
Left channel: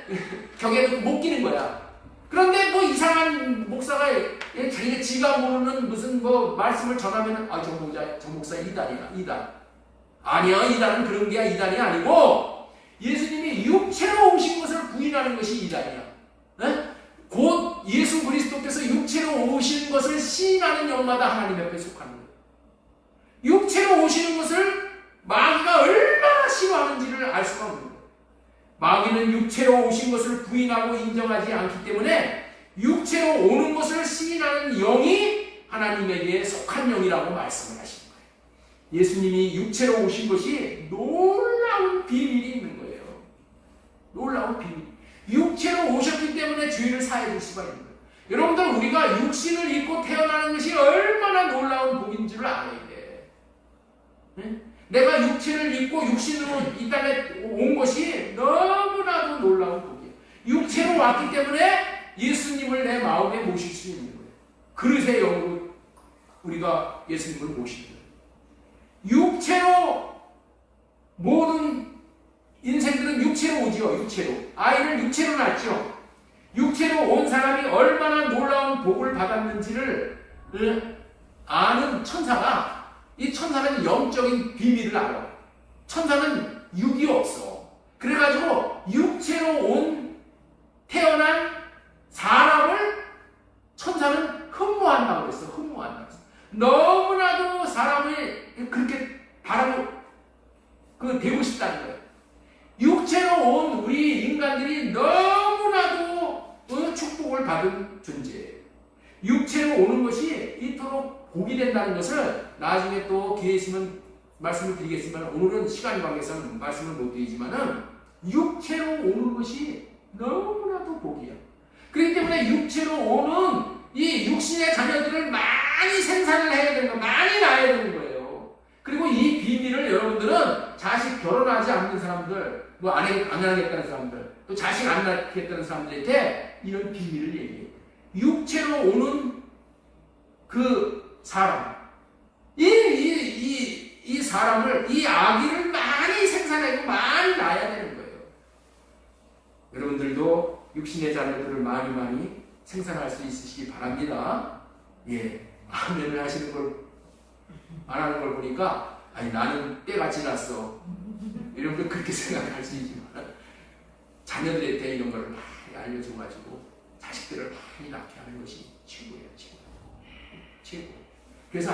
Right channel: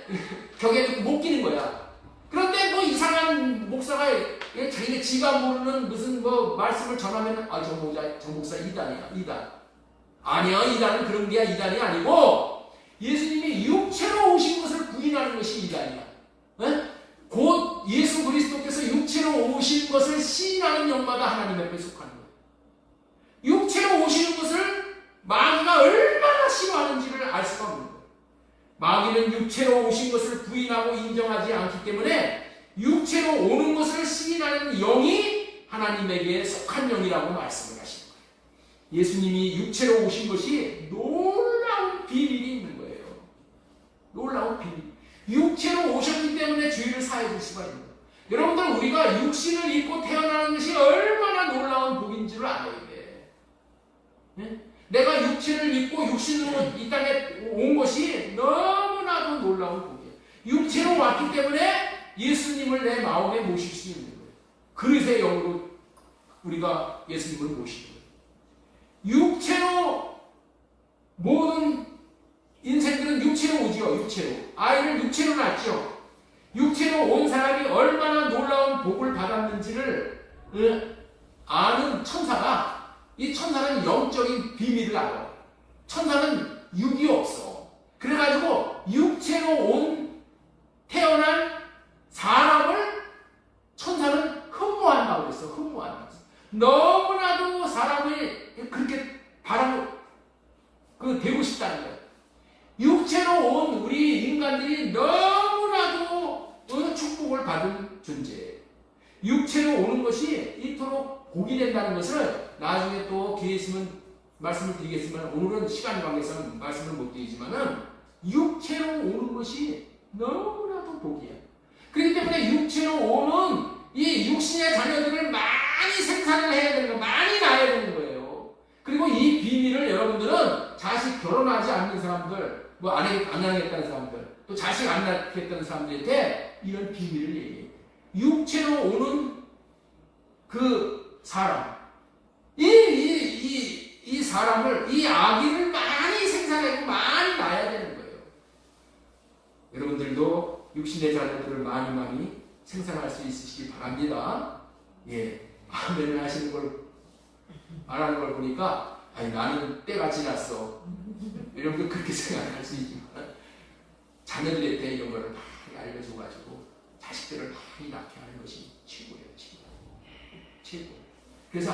격에 못 끼는 거야. 그런데 뭐 이상한 목사가 자기가 지가 모르는 무슨 뭐 말씀을 전하면 저 목사 이단이야. 아니야. 이단은 그런 게 이단이 아니고 예수님이 육체로 오신 것을 부인하는 것이 이단이야. 곧 예수 그리스도께서 육체로 오신 것을 시인하는 영마다 하나님 앞에 속하는 거예요. 육체로 오시는 것을 마귀가 얼마나 싫어하는지를 알 수가 없는 거예요. 마귀는 육체로 오신 것을 부인하고 인정하지 않기 때문에 육체로 오는 것을 시인하는 영이 하나님에게 속한 영이라고 말씀을 하신 거예요. 예수님이 육체로 오신 것이 놀라운 비밀이 있는 거예요. 놀라운 비밀. 육체로 오셨기 때문에 죄를 사해 줄 수가 있는 거예요. 여러분들, 우리가 육신을 입고 태어나는 것이 얼마나 놀라운 복인지를 알아야 돼. 네? 내가 육체를 입고 육신으로 이 땅에 온 것이 너무나도 놀라운 복이에요. 육체로 왔기 때문에 예수님을 내 마음에 모실 수 있는 거예요. 그릇의 영으로 우리가 예수님을 모시는 거예요. 육체로 모든 인생들은 육체로 오지요. 육체로. 아이를 육체로 낳죠. 육체로 온 사람이 얼마나 놀라운 복을 받았는지를 아는 천사가, 이 천사는 영적인 비밀을 알아. 천사는 육이 없어. 그래가지고 육체로 태어난 사람을 천사는 흠모한다고 그랬어. 흠모한다고 했어. 너무나도 사람을 그렇게 되고 싶다는 거예요. 육체로 온 우리 인간들이 너무나도 축복을 받은 존재예요. 육체로 오는 것이 이토록 복이 된다는 것을 나중에 또 기회 있으면 말씀을 드리겠지만, 오늘은 시간 관계상 말씀을 못 드리지만은 육체로 오는 것이 너무나도 복이야. 그렇기 때문에 육체로 오는 이 육신의 자녀들을 많이 생산을 해야 되는 거예요. 많이 낳아야 되는 거예요. 그리고 이 비밀을 여러분들은 자식 결혼하지 않는 사람들, 안 하겠다는 사람들, 또 자식 안 낳겠다는 사람들한테 이런 비밀을 얘기해요. 육체로 오는 그 사람, 이 사람을, 이 아기를 많이 생산하고 많이 낳아야 되는 거예요. 여러분들도 육신의 자녀들을 많이 생산할 수 있으시기 바랍니다. 예, 아멘을 하시는 걸, 안 하는 걸 보니까, 아니, 나는 때가 지났어. 이런 걸 그렇게 생각할 수 있지만, 자녀들한테 이런 걸 많이 알려줘가지고, 자식들을 많이 낳게 하는 것이 최고예요, 최고. 그래서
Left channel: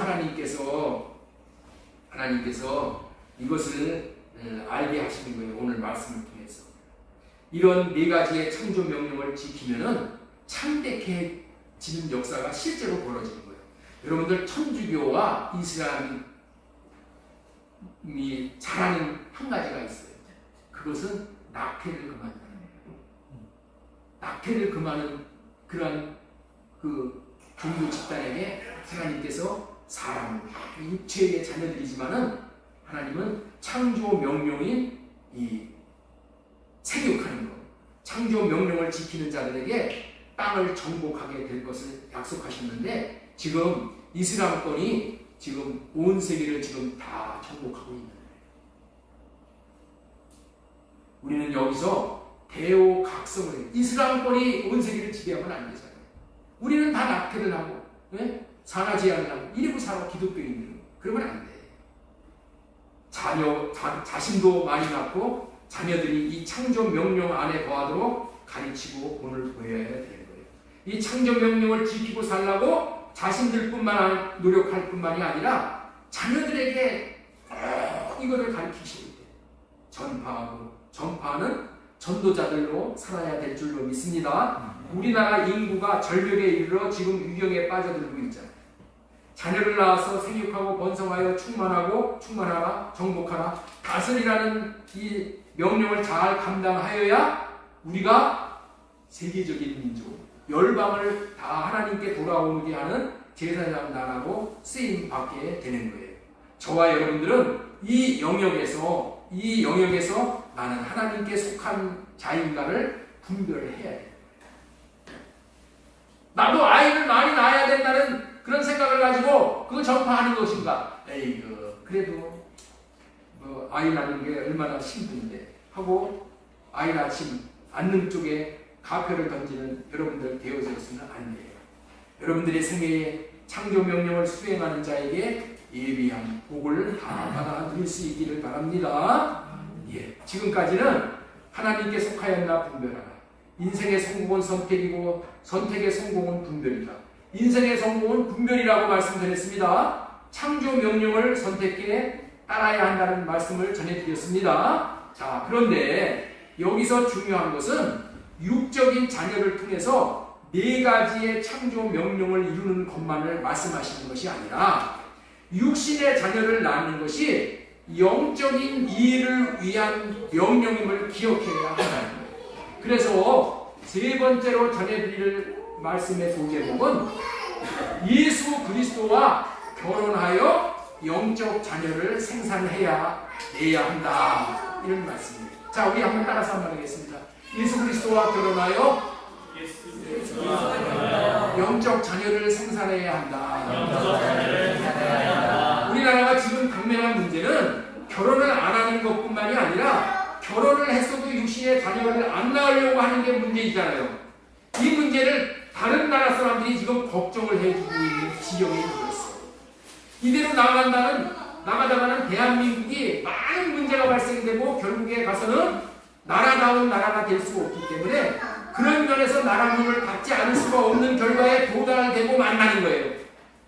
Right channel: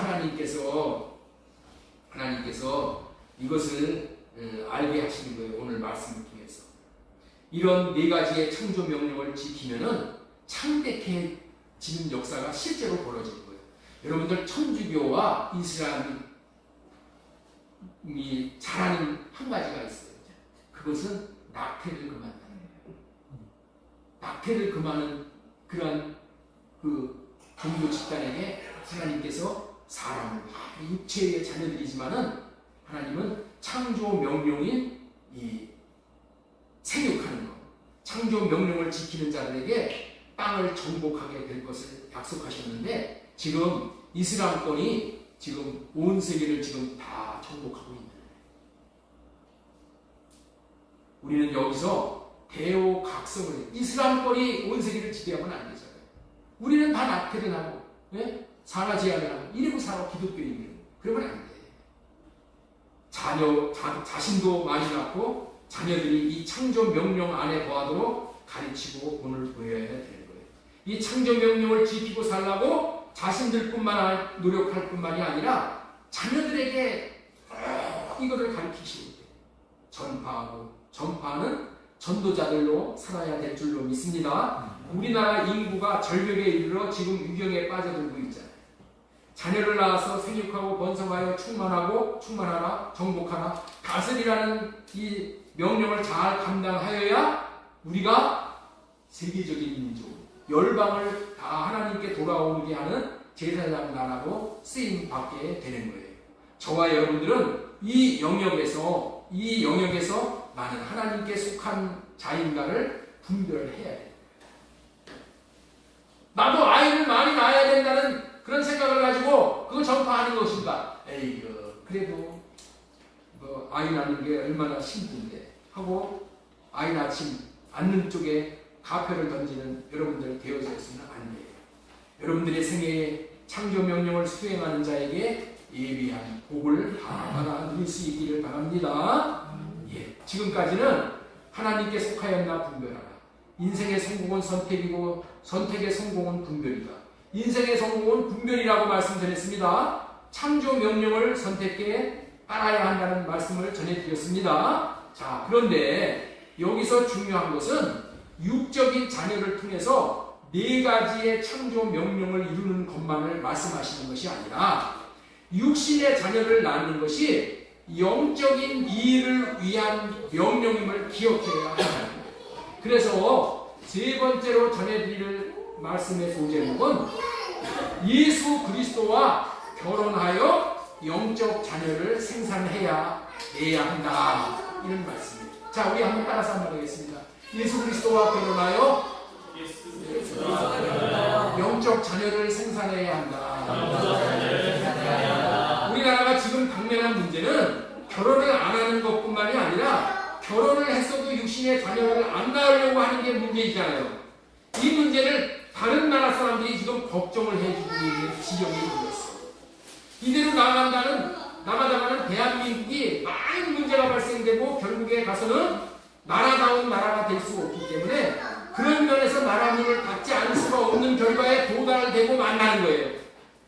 하나님께서 이것을 알게 하시는 거예요. 오늘 말씀을 통해서. 이런 네 가지의 창조 명령을 지키면은 창대해지는 역사가 실제로 벌어지는 거예요. 여러분들, 천주교와 이슬람이 잘하는 한 가지가 있어요. 그것은 낙태를 금한다는 거예요. 낙태를 금하는 그러한 그 종교 집단에게 하나님께서 사람을, 육체의 자녀들이지만은 하나님은 창조 명령인 이 생육하는 것, 창조 명령을 지키는 자들에게 땅을 정복하게 될 것을 약속하셨는데, 지금 이슬람권이 지금 온 세계를 지금 다 정복하고 있는 거예요. 우리는 여기서 대오각성을 해요. 이슬람권이 온 세계를 지배하면 안 되잖아요. 우리는 다 낙태를 하고, 네? 상하제한을 하고, 이러고 살아, 기독교인들은. 그러면 안 돼. 자신도 많이 낳고, 자녀들이 이 창조 명령 안에 거하도록 가르치고 본을 보여야 되는 거예요. 이 창조 명령을 지키고 살라고 자신들뿐만 노력할 뿐만이 아니라 자녀들에게 이거를 가르치시는 거예요. 전파는 전도자들로 살아야 될 줄로 믿습니다. 우리나라 인구가 절벽에 이르러 지금 유경에 빠져들고 있잖아요. 자녀를 낳아서 생육하고 번성하여 충만하라, 정복하라, 다스리라는 이 명령을 잘 감당하여야 우리가 세계적인 민족, 열방을 다 하나님께 돌아오게 하는 제사장 나라로 쓰임 받게 되는 거예요. 저와 여러분들은 이 영역에서 나는 하나님께 속한 자인가를 분별을 해야 돼요. 나도 아이를 많이 낳아야 된다는 그런 생각을 가지고 그거 전파하는 것인가? 그래도 아이 낳는 게 얼마나 힘든데 하고 아이 낳지 않는 쪽에 가표를 던지는 여러분들 되어져 있으면 안 돼요. 여러분들의 생애에 창조 명령을 수행하는 자에게 예비한 복을 다 받아 누릴 수 있기를 바랍니다. 예, 지금까지는 하나님께 속하였나 분별하라, 인생의 성공은 선택이고 선택의 성공은 분별이다. 인생의 성공은 분별이라고 말씀드렸습니다. 창조 명령을 선택해 따라야 한다는 말씀을 전해드렸습니다. 자, 그런데 여기서 중요한 것은 육적인 자녀를 통해서 네 가지의 창조 명령을 이루는 것만을 말씀하시는 것이 아니라 육신의 자녀를 낳는 것이 영적인 이익을 위한 명령임을 기억해야 한다. 그래서 세 번째로 전해드릴 말씀의 소제목은 예수 그리스도와 결혼하여 영적 자녀를 생산해야 내야 한다. 이런 말씀입니다. 자, 우리 한번 따라서 한번 하겠습니다. 예수 그리스도와 결혼하여 영적 자녀를 생산해야 한다. 우리나라가 지금 당면한 문제는 결혼을 안 하는 것뿐만이 아니라 결혼을 했어도 육신의 자녀를 안 낳으려고 하는 게 문제이잖아요. 이 문제를 다른 나라 사람들이 지금 걱정을 해주고 있는 지경이 되었어. 이대로 나가다가는 대한민국이 많은 문제가 발생되고 결국에 가서는 나라다운 나라가 될 수 없기 때문에 그런 면에서 나라 문을 닫지 않을 수가 없는 결과에 도달되고 만나는 거예요.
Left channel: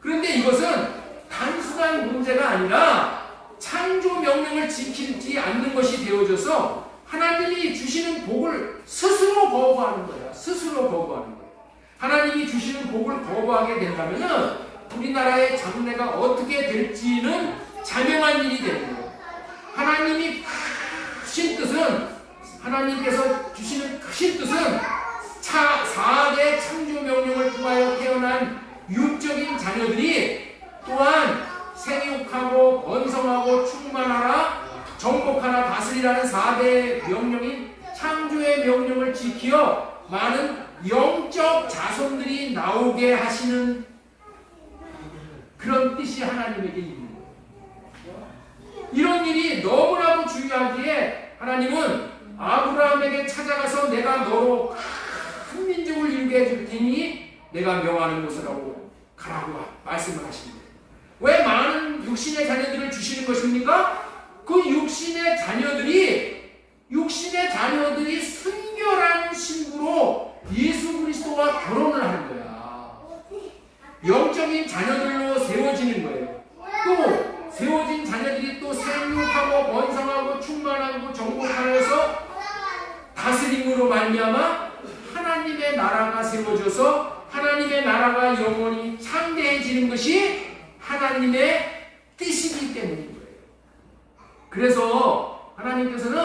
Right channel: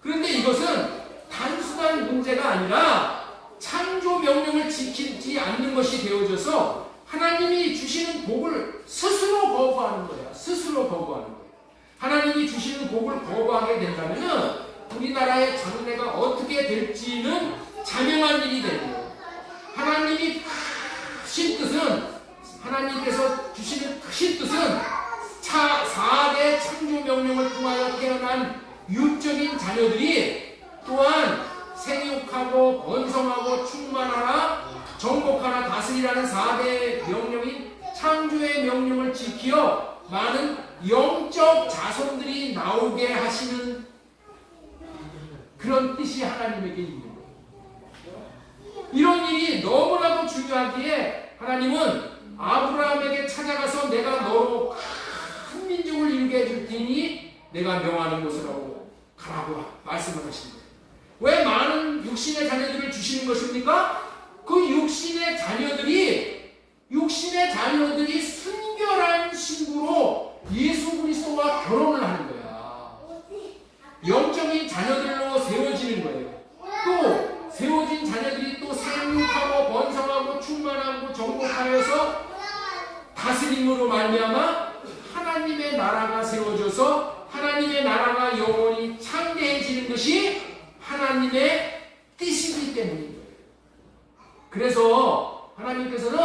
그런데 이것은 단순한 문제가 아니라 창조 명령을 지키지 않는 것이 되어져서 하나님이 주시는 복을 스스로 거부하는 거야. 스스로 거부하는 거야. 하나님이 주시는 복을 거부하게 된다면 우리나라의 장래가 어떻게 될지는 자명한 일이 되는 거예요. 하나님이 크신 뜻은 하나님께서 주시는 크신 뜻은 4대 창조 명령을 통하여 태어난 육적인 자녀들이 또한 생육하고 번성하고 충만하라 정복하라 다스리라는 4대 명령인 창조의 명령을 지키어 많은 영적 자손들이 나오게 하시는 그런 뜻이 하나님에게 있는 거예요. 이런 일이 너무나도 중요하기에 하나님은 아브라함에게 찾아가서 내가 너로 큰 민족을 이루게 해줄 테니 내가 명하는 곳으로 가라고 말씀을 하십니다. 왜 많은 육신의 자녀들을 주시는 것입니까? 그 육신의 자녀들이 순결한 신부로 예수 그리스도와 결혼을 하는 거야. 영적인 자녀들로 세워지는 거예요. 또 세워진 자녀들이 또 생육하고 번성하고 충만하고 정복하여서 다스림으로 말미암아 하나님의 나라가 세워져서 하나님의 나라가 영원히 창대해지는 것이 하나님의 뜻이기 때문인 거예요. 그래서 하나님께서는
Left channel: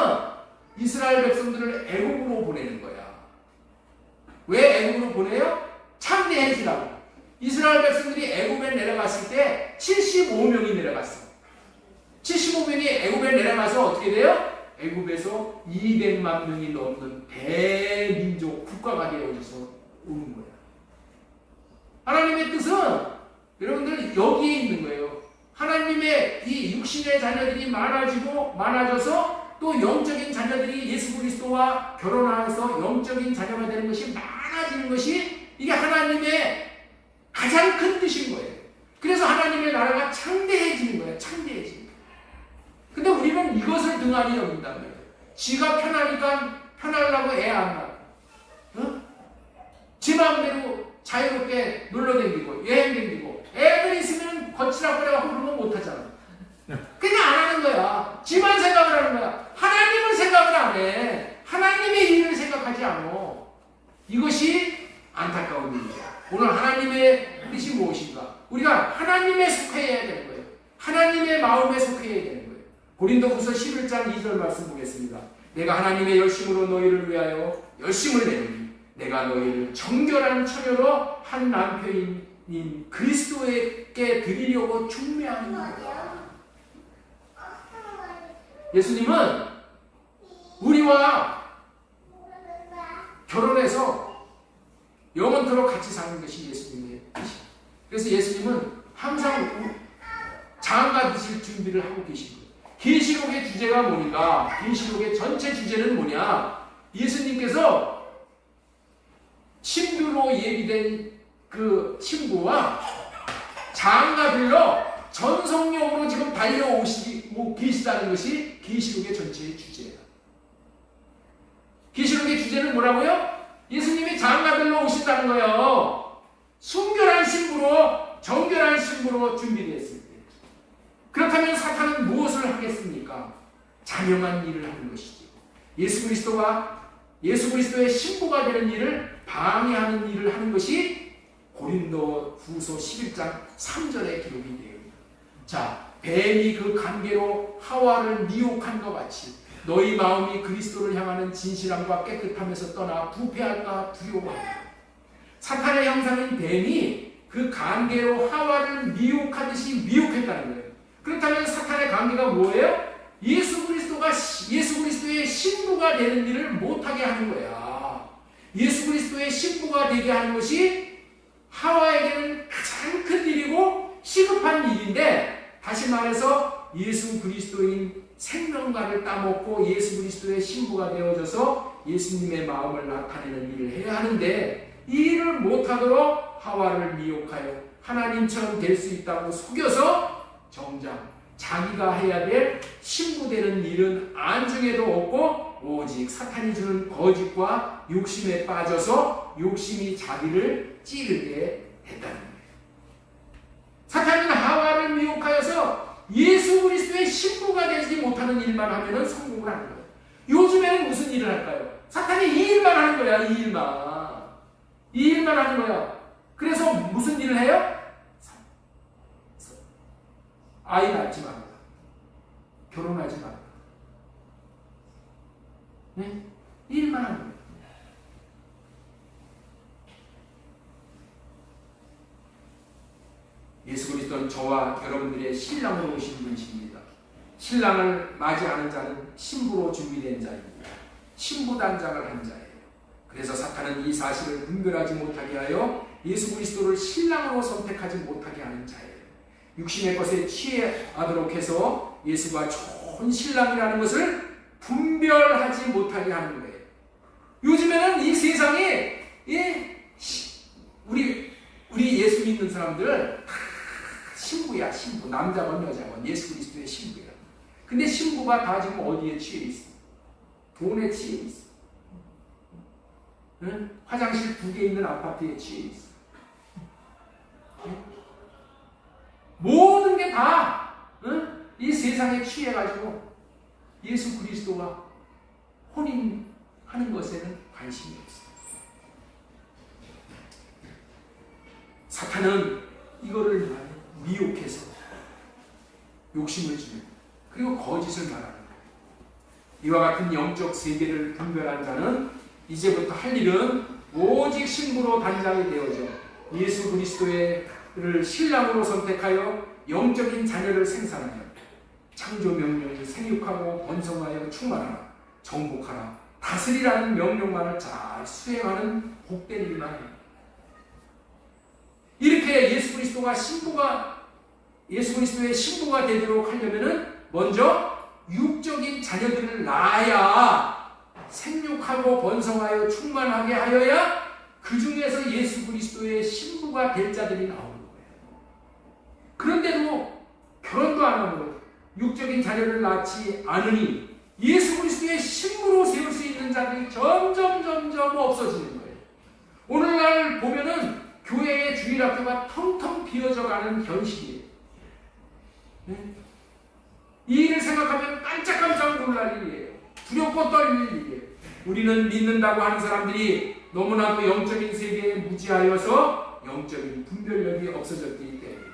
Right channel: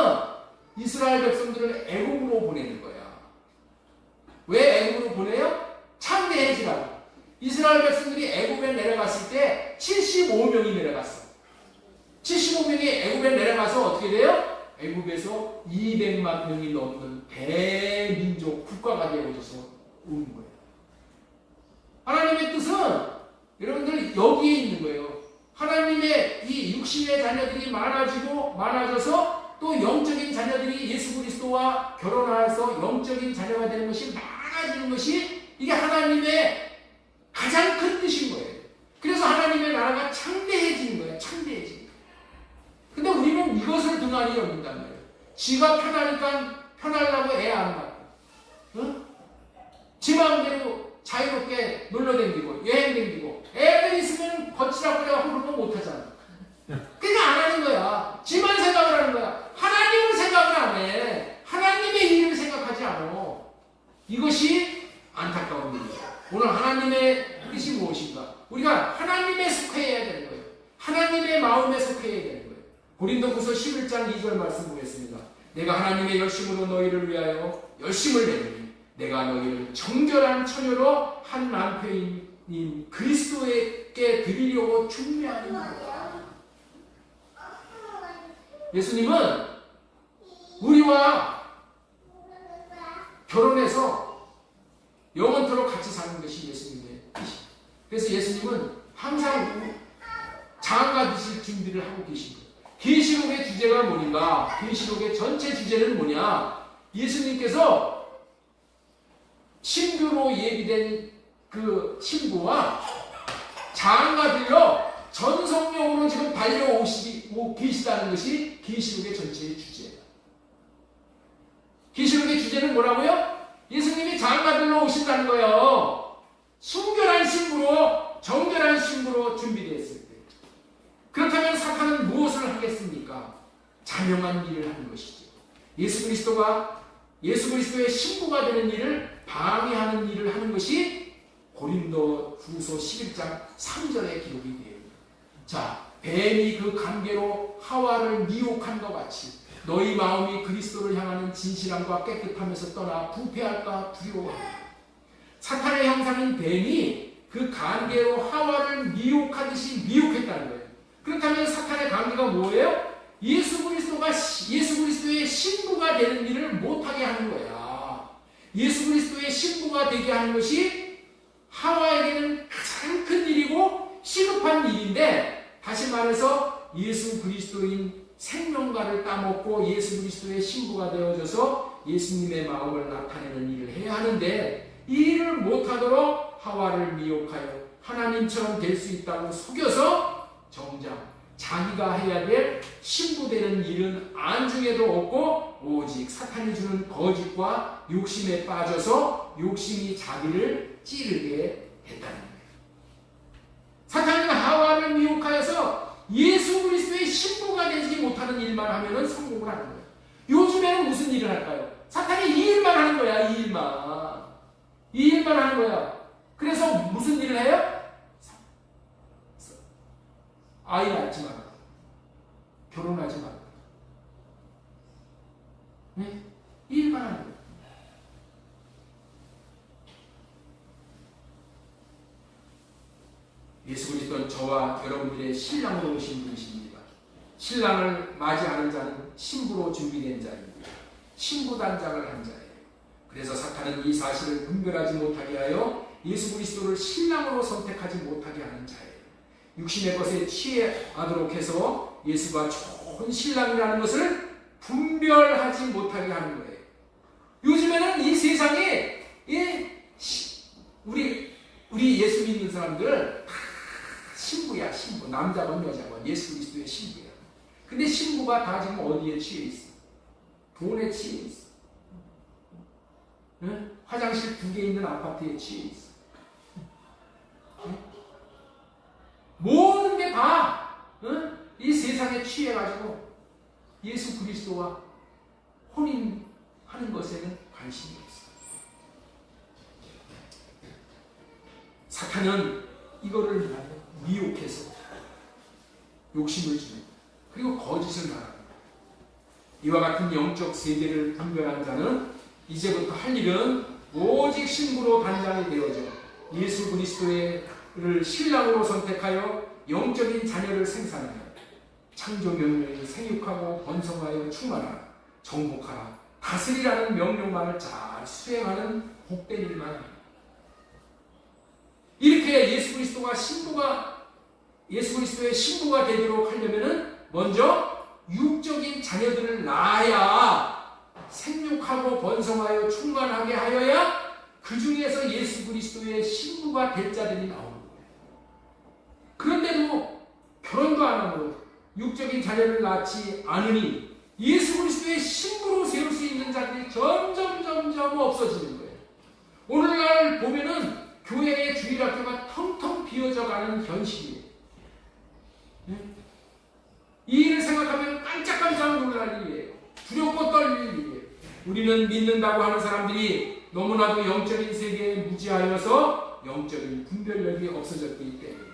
이스라엘 백성들을 애국으로 보내는 거야. 왜 애국으로 보내요? 창대해지라고. 이스라엘 백성들이 애국에 내려갔을 때 75명이 내려갔어. 75명이 애국에 내려가서 어떻게 돼요? 애국에서 200만 명이 넘는 대민족 국가가 되어져서 오는 거야. 하나님의 뜻은 여러분들 여기에 있는 거예요. 하나님의 이 육신의 자녀들이 많아져서 또 영적인 자녀들이 예수 그리스도와 결혼해서 영적인 자녀가 되는 것이 많아지는 것이 이게 하나님의 가장 큰 뜻인 거예요. 그래서 하나님의 나라가 창대해지는 거예요. 창대해지는 거예요. 근데 우리는 이것을 등한히 여긴다는 거예요. 지가 편하니까 편하려고 애 안 낳고, 응? 지 마음대로 자유롭게 놀러 다니고 여행 다니고 애들 있으면 거치라고 그래갖고 그런 거 못하잖아. 그냥 안 하는 거야. 지만 생각을 하는 거야. 하나님을 생각을 안 해. 하나님의 일을 생각하지 않아. 이것이 안타까운 일이죠. 오늘 하나님의 뜻이 무엇인가? 우리가 하나님에 속해야 되는 거예요. 하나님의 마음에 속해야 되는 거예요. 고린도후서 11장 2절 말씀 보겠습니다. 내가 하나님의 열심으로 너희를 위하여 열심을 내노니 내가 너희를 정결한 처녀로 한 남편인 그리스도에게 드리려고 준비하는 거야. 예수님은 우리와 결혼해서 영원토록 같이 사는 것이 예수님의 뜻이에요. 그래서 예수님은 항상 장가 드실 준비를 하고 계신 거예요. 계시록의 주제가 뭐인가? 계시록의 전체 주제는 뭐냐? 예수님께서 신부로 예비된 그 신부와 장가들로 전성령으로 지금 달려오시고 계시다는 것이 계시록의 전체의 주제예요. 계시록의 주제는 뭐라고요? 장가들로 오신다는 거예요. 순결한 신부로, 정결한 신부로 준비되었을 때. 그렇다면 사탄은 무엇을 하겠습니까? 자명한 일을 하는 것이죠. 예수 그리스도의 신부가 되는 일을 방해하는 일을 하는 것이 고린도 후서 11장 3절에 기록이 되어 있습니다. 자, 뱀이 그 관계로 하와를 미혹한 것 같이 너희 마음이 그리스도를 향하는 진실함과 깨끗함에서 떠나 부패할까 두려워합니다. 사탄의 형상인 뱀이 그 관계로 하와를 미혹하듯이 미혹했다는 거예요. 그렇다면 사탄의 관계가 뭐예요? 예수 그리스도의 신부가 되는 일을 못하게 하는 거야. 예수 그리스도의 신부가 되게 하는 것이 하와에게는 가장 큰 일이고 시급한 일인데, 다시 말해서 예수 그리스도인 생명과를 따먹고 예수 그리스도의 신부가 되어져서 예수님의 마음을 나타내는 일을 해야 하는데, 이 일을 못하도록 하와를 미혹하여 하나님처럼 될 수 있다고 속여서 정작 자기가 해야 될 신부 되는 일은 안중에도 없고 오직 사탄이 주는 거짓과 욕심에 빠져서 욕심이 자기를 찌르게 했다는 거예요. 사탄이 하와를 미혹하여서 예수 그리스도의 신부가 되지 못하는 일만 하면 성공을 하는 거예요. 요즘에는 무슨 일을 할까요? 사탄이 이 일만 하는 거야. 이 일만 하는 거야. 그래서 무슨 일을 해요? 아이 낳지 마라. 결혼하지 마라. 네? 이 일만 하는 거예요. 예수 그리스도는 저와 여러분들의 신랑으로 오신 분이십니다. 신랑을 맞이하는 자는 신부로 준비된 자입니다. 신부 단장을 한 자예요. 그래서 사탄은 이 사실을 분별하지 못하게 하여 예수 그리스도를 신랑으로 선택하지 못하게 하는 자예요. 육신의 것에 취해하도록 해서 예수가 좋은 신랑이라는 것을 분별하지 못하게 하는 거예요. 요즘에는 이 세상에 우리 예수 믿는 사람들 다 신부야, 신부. 남자건 여자건 예수 그리스도의 신부야. 근데 신부가 다 지금 어디에 취해 있어? 돈에 취해 있어. 응? 화장실 2개 있는 아파트에 취해 있어. 응? 모든 게 다 이 세상에 취해가지고 예수 그리스도와 혼인하는 것에는 관심이 없어요. 사탄은 이거를 미혹해서 욕심을 주고 그리고 거짓을 말합니다. 이와 같은 영적 세계를 분별한 자는 이제부터 할 일은 오직 신부로 단장이 되어져 예수 그리스도를 신랑으로 선택하여 영적인 자녀를 생산하여 창조 명령을 생육하고 번성하여 충만하라, 정복하라, 다스리라는 명령만을 잘 수행하는 복된 일만 합니다. 이렇게 예수 그리스도의 신부가 되도록 하려면은 먼저 육적인 자녀들을 낳아야 생육하고 번성하여 충만하게 하여야 그 중에서 예수 그리스도의 신부가 될 자들이 나오는 거예요. 그런데도 결혼도 안 하고 육적인 자녀를 낳지 않으니 예수 그리스도의 신부로 세울 수 있는 자들이 점점 없어지는 거예요. 오늘날 보면은 교회의 주일학교가 텅텅 비어져 가는 현실이에요. 이 일을 생각하면 깜짝깜짝 놀랄 일이에요. 두렵고 떨릴 일이에요. 우리는 믿는다고 하는 사람들이 너무나도 영적인 세계에 무지하여서 영적인 분별력이 없어졌기 때문에.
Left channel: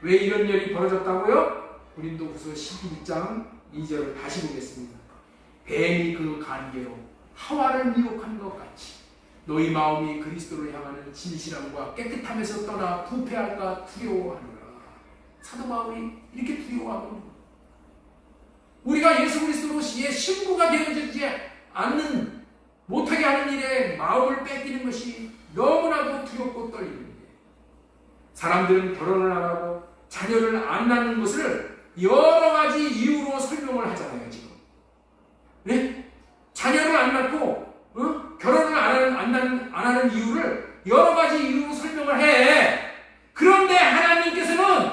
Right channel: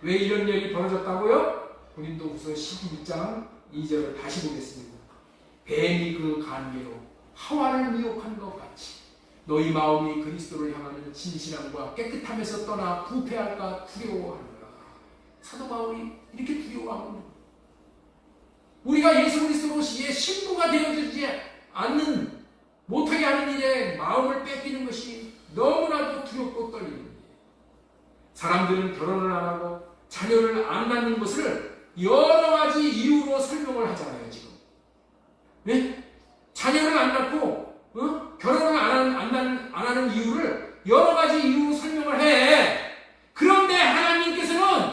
왜 이런 일이 벌어졌다고요? 고린도후서 12장 2절을 다시 보겠습니다. 뱀이 그 간계로 하와를 미혹한 것 같이 너희 마음이 그리스도를 향하는 진실함과 깨끗함에서 떠나 부패할까 두려워하노라. 사도 바울이 이렇게 두려워하고 우리가 예수 그리스도로의 신부가 되어지지 않는 못하게 하는 일에 마음을 뺏기는 것이 너무나도 두렵고 떨리는 일이에요. 사람들은 결혼을 안 하고 자녀를 안 낳는 것을 여러 가지 이유로 설명을 하잖아요. 지금 자녀를 안 낳고 결혼을 안 하는 이유를 여러 가지 이유로 설명을 해. 그런데 하나님께서는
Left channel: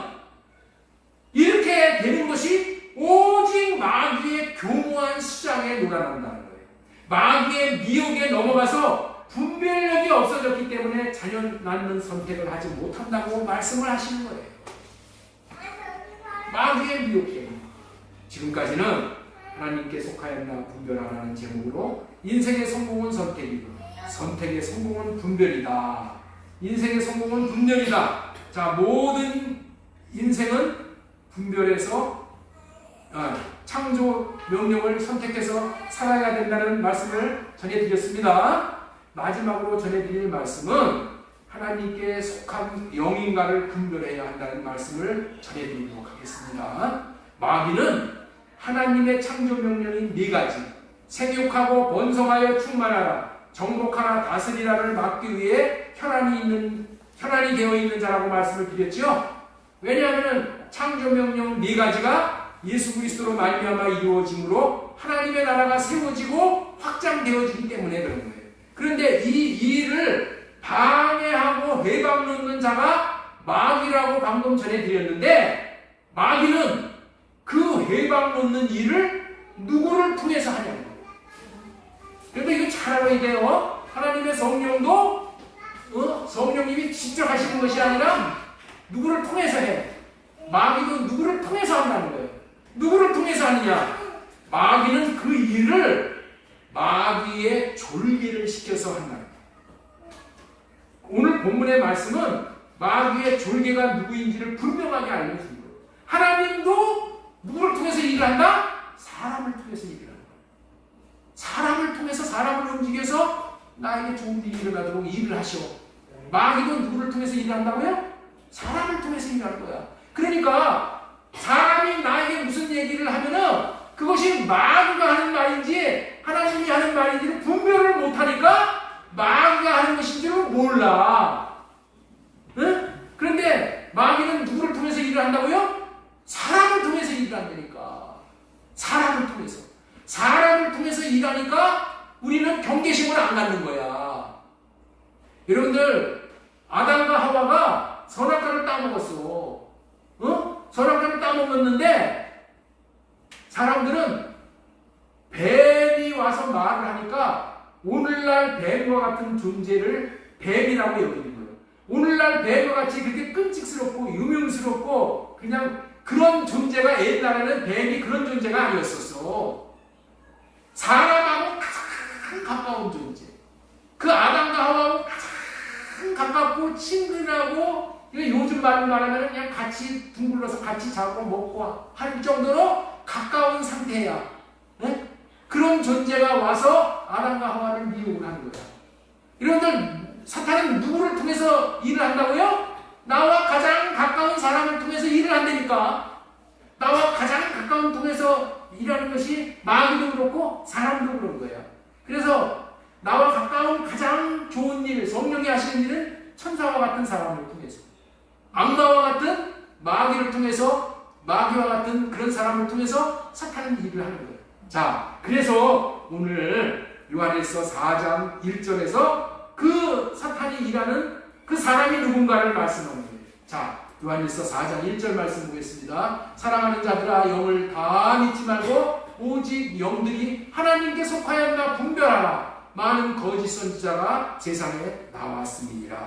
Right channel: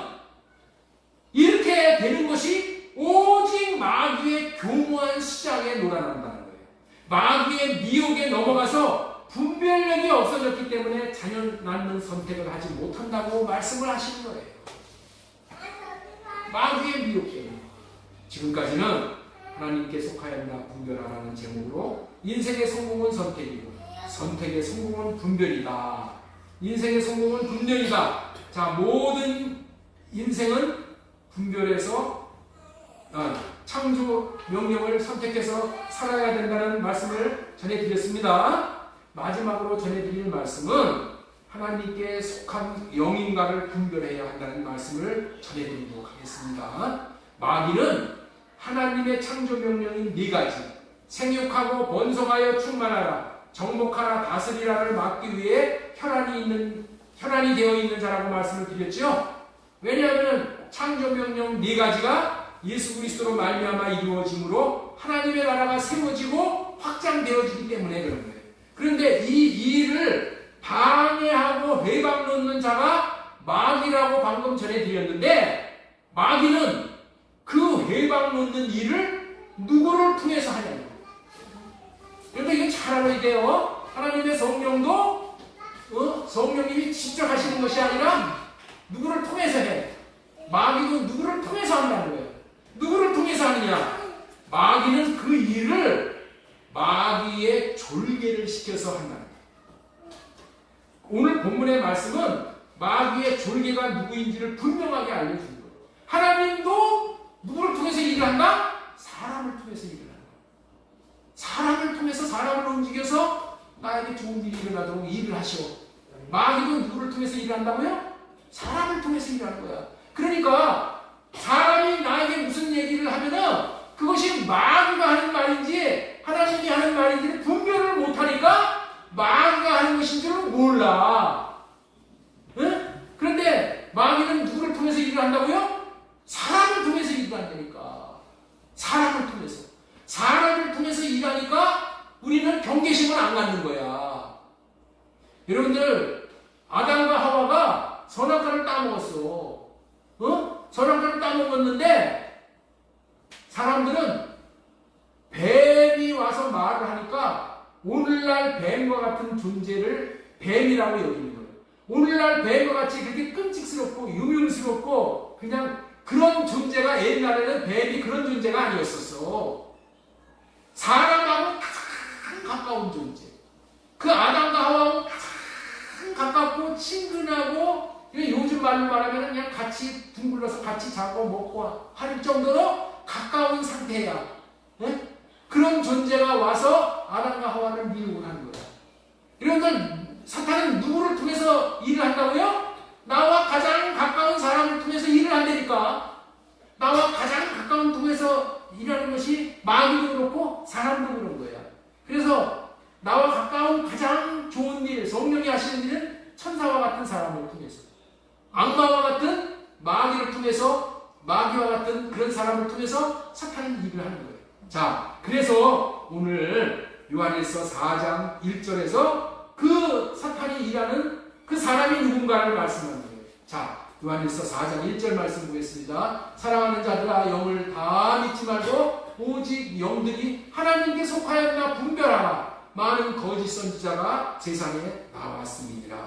이렇게 되는 것이 오직 마귀의 교묘한 수장에 놀아난다는 거예요. 마귀의 미혹에 넘어가서 분별력이 없어졌기 때문에 자녀 낳는 선택을 하지 못한다고 말씀을 하시는 거예요. 마귀의 미혹 때문에. 지금까지는 하나님께 속하였나 분별하라는 제목으로 인생의 성공은 선택이고 선택의 성공은 분별이다. 인생의 성공은 분별이다. 자, 모든 인생은 분별해서 창조 명령을 선택해서 살아야 된다는 말씀을 전해드렸습니다. 마지막으로 전해드릴 말씀은 하나님께 속한 영인가를 분별해야 한다는 말씀을 전해드리도록 하겠습니다. 마귀는 하나님의 창조 명령인 4가지 생육하고 번성하여 충만하라 정복하라 다스리라를 막기 위해 혈안이 되어 있는 자라고 말씀을 드렸죠. 왜냐하면 창조 명령 4가지가 예수 그리스도로 말미암아 이루어짐으로 하나님의 나라가 세워지고 확장되어지기 때문에 그런 거예요. 그런데 이 일을 방해하고 회방 놓는 자가 마귀라고 방금 전해드렸는데 마귀는 그 회방 놓는 일을 누구를 통해서 하냐고. 그런데 이거 잘 알아야 돼요. 하나님의 성령도 성령님이 직접 하시는 것이 아니라 누구를 통해서 해. 마귀도 누구를 통해서 한다는 거예요. 누구를 통해서 하느냐? 마귀는 그 일을 마귀의 졸개를 시켜서 한다. 오늘 본문의 말씀은 마귀의 졸개가 누구인지를 분명하게 알려줍니다. 하나님도 누구를 통해서 일을 한다? 사람을 통해서 일을 한다. 사람을 통해서 사람을 움직여서 나에게 좋은 일이 일어나도록 일을 하셔. 마귀도 누구를 통해서 일을 한다고요? 사람을 통해서 일을 하는 거야. 그러니까 사람이 나에게 무슨 얘기를 하면은 그것이 마귀가 하는 말인지 하나님이 하는 말인지를 분별을 못하니까 마귀가 하는 것인 줄은 몰라. 응? 그런데 마귀는 누구를 통해서 일을 한다고요? 사람을 통해서 일을 한다니까. 사람을 통해서 일하니까 우리는 경계심을 안 갖는 거야. 여러분들 아담과 하와가 선악과를 따먹었어. 선악과를 따먹었는데 사람들은 뱀이 와서 말을 하니까 오늘날 뱀과 같은 존재를 뱀이라고 여기는 거예요. 오늘날 뱀과 같이 그렇게 끔찍스럽고 유명스럽고 그냥 그런 존재가 옛날에는 뱀이 그런 존재가 아니었었어. 사람하고 가장 가까운 존재. 그 아담과 하와하고 가장 가깝고 친근하고 요즘 말로 말하면 그냥 같이 둥글러서 같이 자고 먹고 할 정도로 가까운 상태야. 네? 그런 존재가 와서 아담과 하와를 미혹을 하는 거야. 이런들 사탄은 누구를 통해서 일을 한다고요? 나와 가장 가까운 사람을 통해서 일을 한다니까. 나와 가장 가까운 통해서 일하는 것이 마귀도 그렇고 사람도 그런 거야. 그래서 나와 가까운 가장 좋은 일, 성령이 하시는 일은 천사와 같은 사람을 통해서, 악마와 같은 마귀를 통해서, 마귀와 같은 그런 사람을 통해서 사탄은 일을 하는 거예요. 자, 그래서 오늘 요한일서 4장 1절에서 그 사탄이 일하는 그 사람이 누군가를 말씀하는 거예요. 자, 요한일서 4장 1절 말씀 보겠습니다. 사랑하는 자들아, 영을 다 믿지 말고 오직 영들이 하나님께 속하였나 분별하라. 많은 거짓 선지자가 세상에 나왔습니다.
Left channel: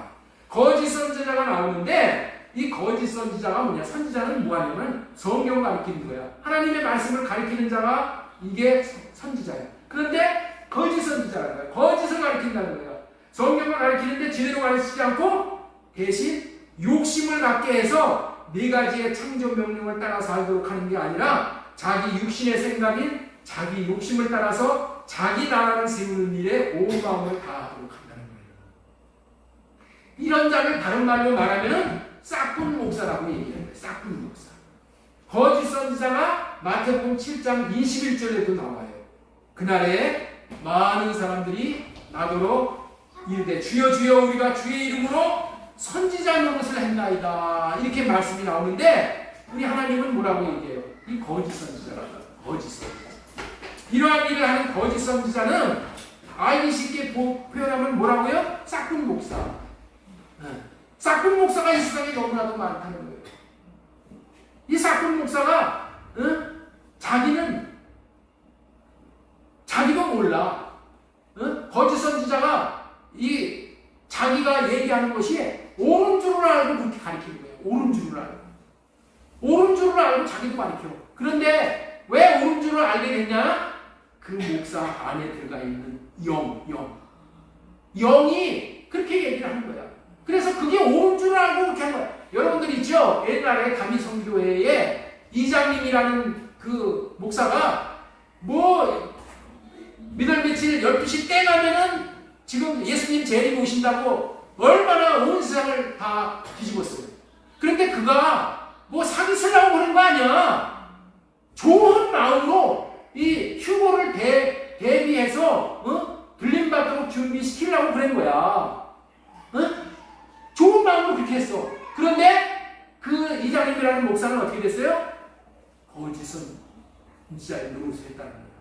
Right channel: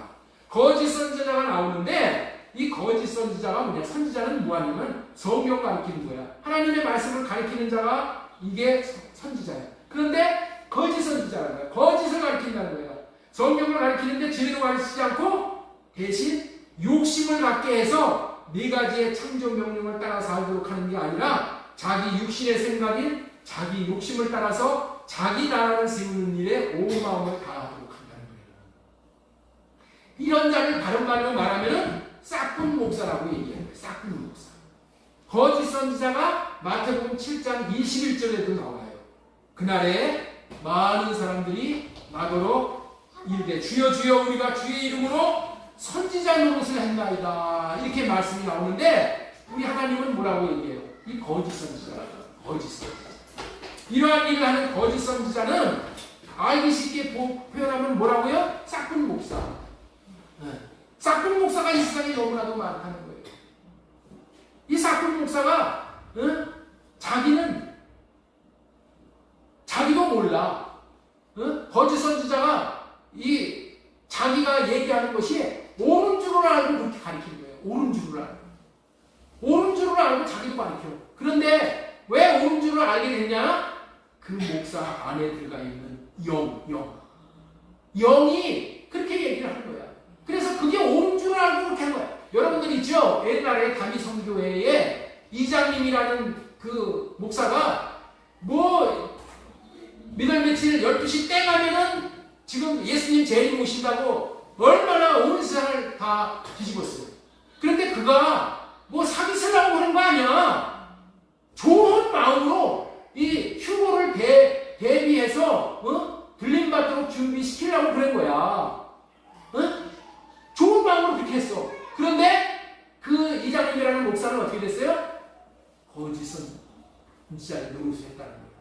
거짓 선지자가 나오는데 이 거짓 선지자가 뭐냐? 선지자는 뭐하냐면 성경 가르치는 거야. 하나님의 말씀을 가르치는 자가 이게 선지자야. 그런데 거짓 선지자라는 거야. 거짓을 가르친다는 거야. 성경을 가르치는데 제대로 가르치지 않고 대신 욕심을 갖게 해서 4가지의 창조 명령을 따라 살도록 하는 게 아니라 자기 육신의 생각인 자기 욕심을 따라서 자기 나라를 세우는 일에 온 마음을 다하도록 한다는 거예요. 이런 자를 다른 말로 말하면 싹군 목사라고 얘기해요. 싹군 목사. 거짓 선지자가 마태복음 7장 21절에도 나와요. 그날에 많은 사람들이 나더러 이르되 주여 주여 우리가 주의 이름으로 선지자 노릇을 한다이다. 이렇게 말씀이 나오는데 우리 하나님은 뭐라고 얘기해요? 이 거짓 선지자가 거짓 선지자. 이러한 일을 하는 거짓 선지자는 알기 쉽게 표현하면 뭐라고요? 싹군 목사. 싹군 목사가 이 세상에 너무나도 많다는 거예요. 이 싹군 목사가 자기는 자기도 몰라. 거짓 선지자가 이 자기가 얘기하는 것이 옳은 줄을 알고 그렇게 가르치는 거예요. 옳은 줄을 알고. 옳은 줄을 알고 자기도 가르쳐. 그런데 왜 옳은 줄을 알게 됐냐? 그 목사 안에 들어가 있는 영이 그렇게 얘기를 하는 거야. 그래서 그게 옳은 줄을 알고 그렇게 하는 거야. 여러분들 있죠? 옛날에 다미성교회에 이장님이라는 그 목사가 미들 며칠 12시 때 가면은 지금 예수님 재림 오신다고 얼마나 온 세상을 다 뒤집었어요. 그런데 그가 사기 쓰려고 그런 거 아니야. 좋은 마음으로 이 휴고를 대비해서 들림받도록 준비시키려고 그런 거야. 좋은 마음으로 그렇게 했어. 그런데 그 이장님이라는 목사는 어떻게 됐어요? 거짓은 진짜 노릇했다는 거야.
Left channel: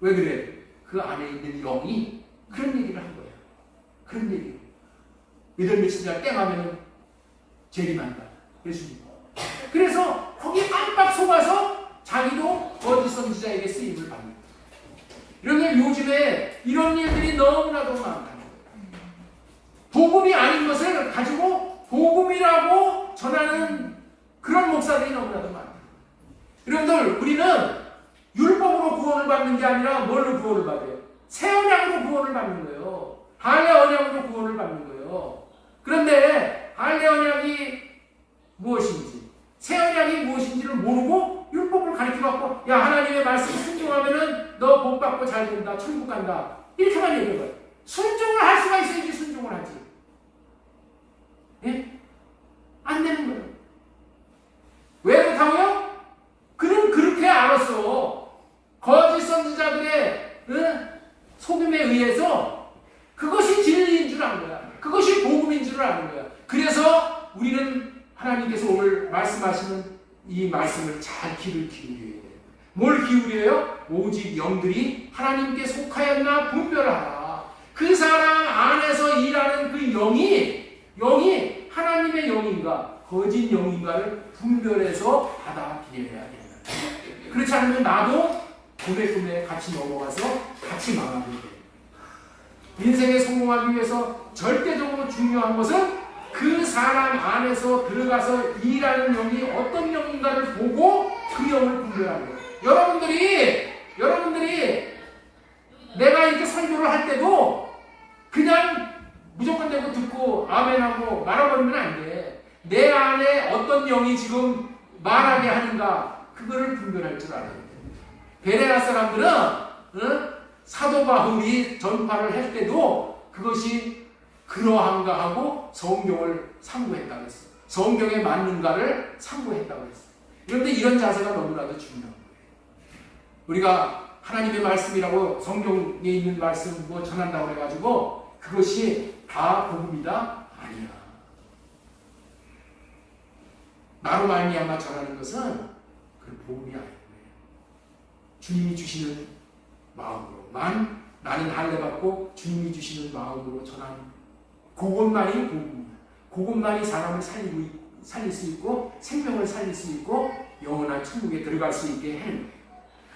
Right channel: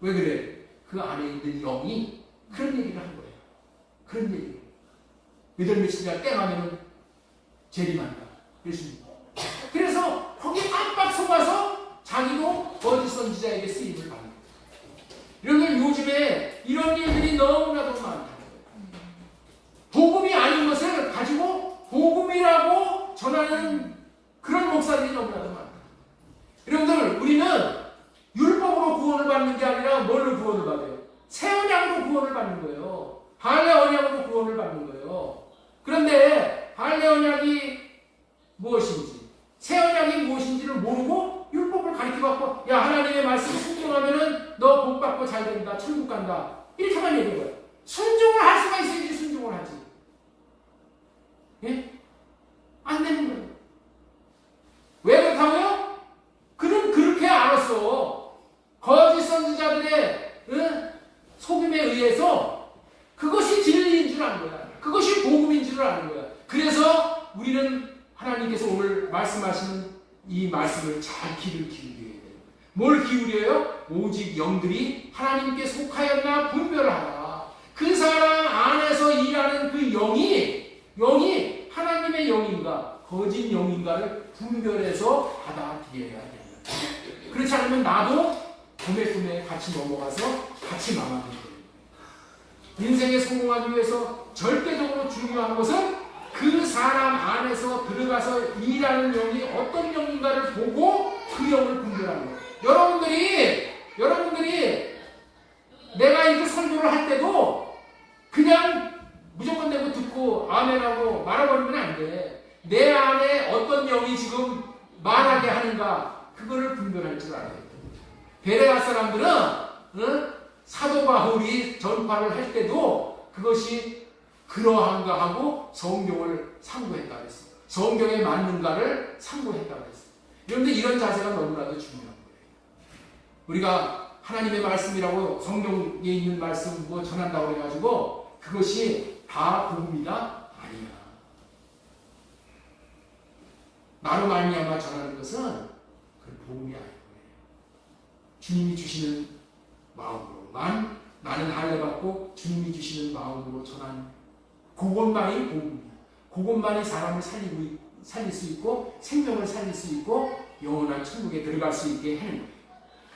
왜 그래? 그 안에 있는 영이 그런 얘기를 한 거예요. 그런 얘기. 믿을 며칠이나 땡하면 재림한다. 그래서 거기에 깜빡 속아서 자기도 거짓 선지자에게 쓰임을 받는 거예요. 이런데 요즘에 이런 일들이 너무나도 많다는 거예요. 복음이 아닌 것을 가지고 복음이라고 전하는 그런 목사들이 너무나도 많다. 여러분들, 우리는 율법으로 구원을 받는 게 아니라 뭘로 구원을 받아요? 새 언약으로 구원을 받는 거예요. 할례 언약으로 구원을 받는 거예요. 그런데 할례 언약이 무엇인지, 새 언약이 무엇인지를 모르고 율법을 가르쳐갖고, 야, 하나님의 말씀을 순종하면은 너 복 받고 잘 된다, 천국 간다, 이렇게만 얘기해봐요. 순종을 할 수가 있어야지 순종을 하지. 예? 안 되는 거예요. 왜 그렇다고요? 그는 그렇게 알았어. 거짓 선지자들의 속임에 의해서 그것이 진리인 줄 아는 거야. 그것이 복음인 줄 아는 거야. 그래서 우리는 하나님께서 오늘 말씀하시는 이 말씀을 잘 귀를 기울여야 돼요. 뭘 기울여요? 오직 영들이 하나님께 속하였나 분별을 하라. 그 사람 안에서 일하는 그 영이 하나님의 영인가 거짓 영인가를 분별해서 받아들여야 됩니다. 그렇지 않으면 나도 꿈에 같이 넘어가서 같이 망하게 돼요. 인생에 성공하기 위해서 절대적으로 중요한 것은 그 사람 안에서 들어가서 일하는 영이 어떤 영인가를 보고 그 영을 분별하는 거예요. 여러분들이 내가 이렇게 설교를 할 때도 그냥 무조건 내고 듣고 아멘하고 말아버리면 안 돼. 내 안에 어떤 영이 지금 말하게 하는가 그거를 분별할 줄 알아야 돼. 베레아 사람들은 사도 바울이 전파를 할 때도 그것이 그러한가 하고 성경을 참고했다고 했어요. 성경에 맞는가를 참고했다고 했어요. 그런데 이런 자세가 너무나도 중요한 거예요. 우리가 하나님의 말씀이라고 성경에 있는 말씀 전한다고 해가지고 그것이 다 복음이다? 아니야. 나로 말미암아 전하는 것은 그 복음이 아니에요. 주님이 주시는 마음으로 나는 할례 받고 주님이 주시는 마음으로 전하는 그것만이 복음이야. 그것만이 사람을 살릴 수 있고 생명을 살릴 수 있고 영원한 천국에 들어갈 수 있게 하는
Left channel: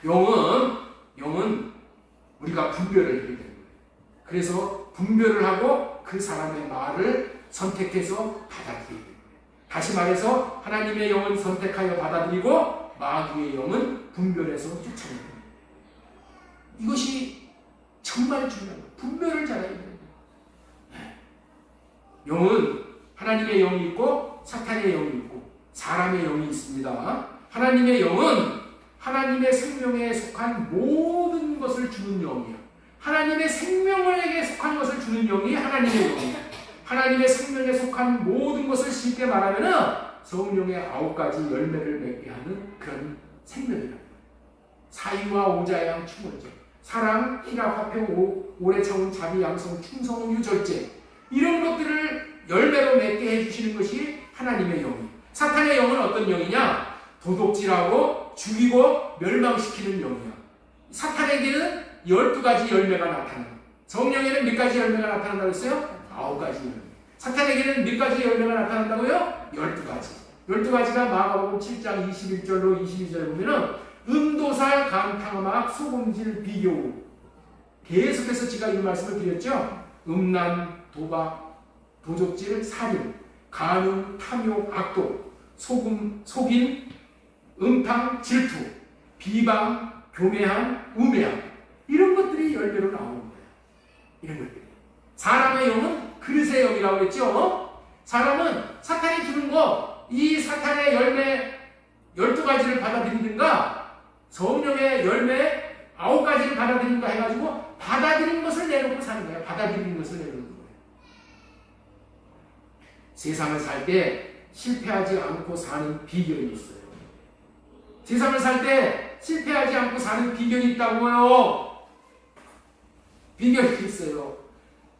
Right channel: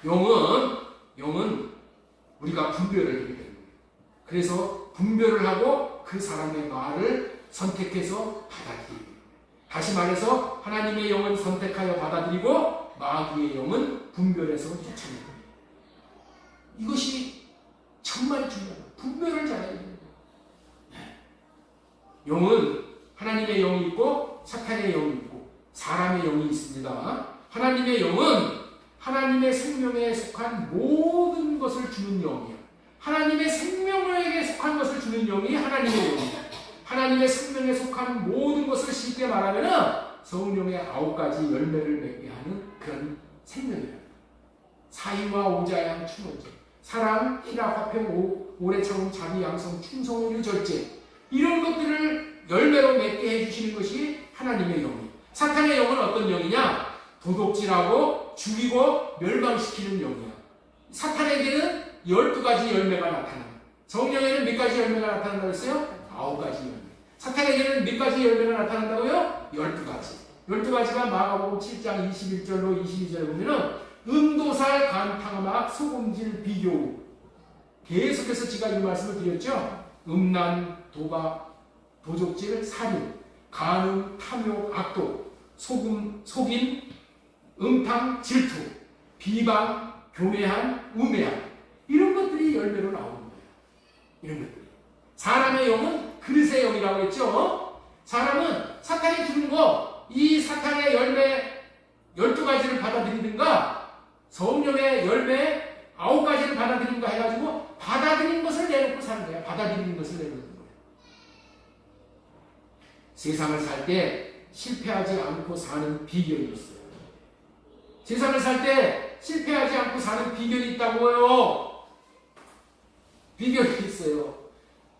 영은 우리가 분별을 해야 되는 거예요. 그래서 분별을 하고 그 사람의 말을 선택해서 받아들이고, 다시 말해서 하나님의 영은 선택하여 받아들이고 마귀의 영은 분별해서 쫓아내고, 이것이 정말 중요해요. 분별을 잘해야 돼요. 영은 하나님의 영이 있고 사탄의 영이 있고 사람의 영이 있습니다. 하나님의 영은 하나님의 생명에 속한 모든 것을 주는 영이에요. 하나님의 생명에게 속한 것을 주는 영이 하나님의 영이에요. 하나님의 생명에 속한 모든 것을 쉽게 말하면 성령의 9가지 열매를 맺게 하는 그런 생명이랍니다. 사이와 오자양 충원제, 사랑, 희락, 화평, 오래 참은 자비, 양성, 충성, 유절제, 이런 것들을 열매로 맺게 해주시는 것이 하나님의 영이에요. 사탄의 영은 어떤 영이냐? 도둑질하고 죽이고 멸망시키는 영이야. 사탄에게는 12가지 열매가 나타나요. 성령에는 몇 가지 열매가 나타난다고 했어요? 9가지 열매. 사탄에게는 몇 가지 열매가 나타난다고요? 12가지. 12가지가 마가복음 7장 21절로 22절에 보면은 음도살, 강탕막, 소금질, 비교. 계속해서 제가 이 말씀을 드렸죠? 음란, 도박, 도적질, 살인, 간음, 탐욕, 악독, 속임, 음탕, 질투, 비방, 교매함, 우매함 이런 것들이 열대로 나오는 거예요. 이런 것들이. 사람의 영은 그릇의 영이라고 했죠. 사람은 사탄이 주는 거, 이 사탄의 열매 12가지를 받아들이든가 성령의 열매 9가지를 받아들이든가 해가지고 받아들인 것을 내놓고 사는 거예요. 받아들이는 것을 내놓는 거예요. 세상을 살 때 실패하지 않고 사는 비결이 있어요. 세상을 살 때 실패하지 않고 사는 비결이 있다고요. 비결이 있어요.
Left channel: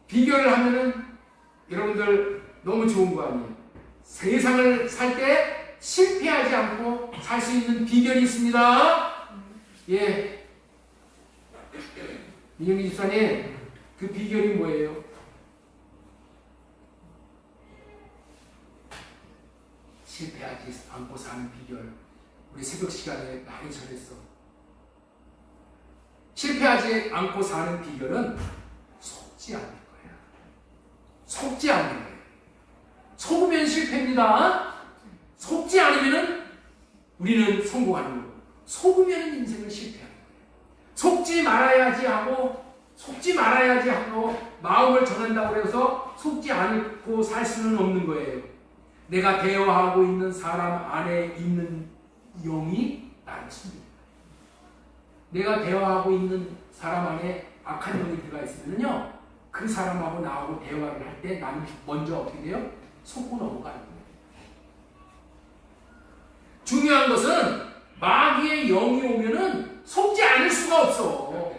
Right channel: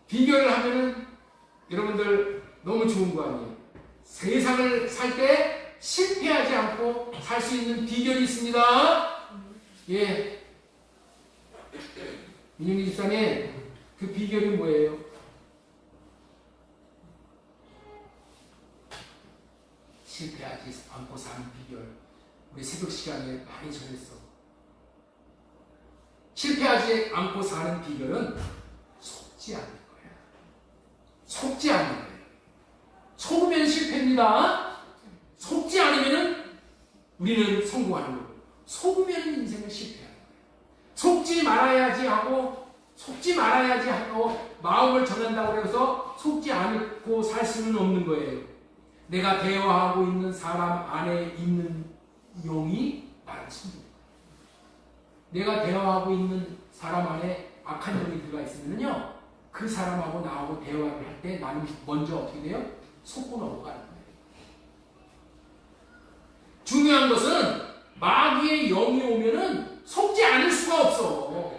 비결을 하면은 여러분들 너무 좋은 거 아니에요. 세상을 살 때 실패하지 않고 살 수 있는 비결이 있습니다. 예. 민영기 집사님, 그 비결이 뭐예요? 실패하지 않고 사는 비결. 우리 새벽 시간에 많이 전했어. 실패하지 않고 사는 비결은 속지 않는 거야. 속지 않는 거예요. 속으면 실패입니다. 속지 않으면 우리는 성공하는 거고, 속으면 인생을 실패하는 거예요. 속지 말아야지 하고 마음을 전한다고 해서 속지 않고 살 수는 없는 거예요. 내가 대화하고 있는 사람 안에 있는 영이 나를 숨깁니다. 내가 대화하고 있는 사람 안에 악한 영이 들어가 있으면요, 그 사람하고 나하고 대화를 할 때 나는 먼저 어떻게 돼요? 속고 넘어가는 거예요. 중요한 것은 마귀의 영이 오면은 속지 않을 수가 없어.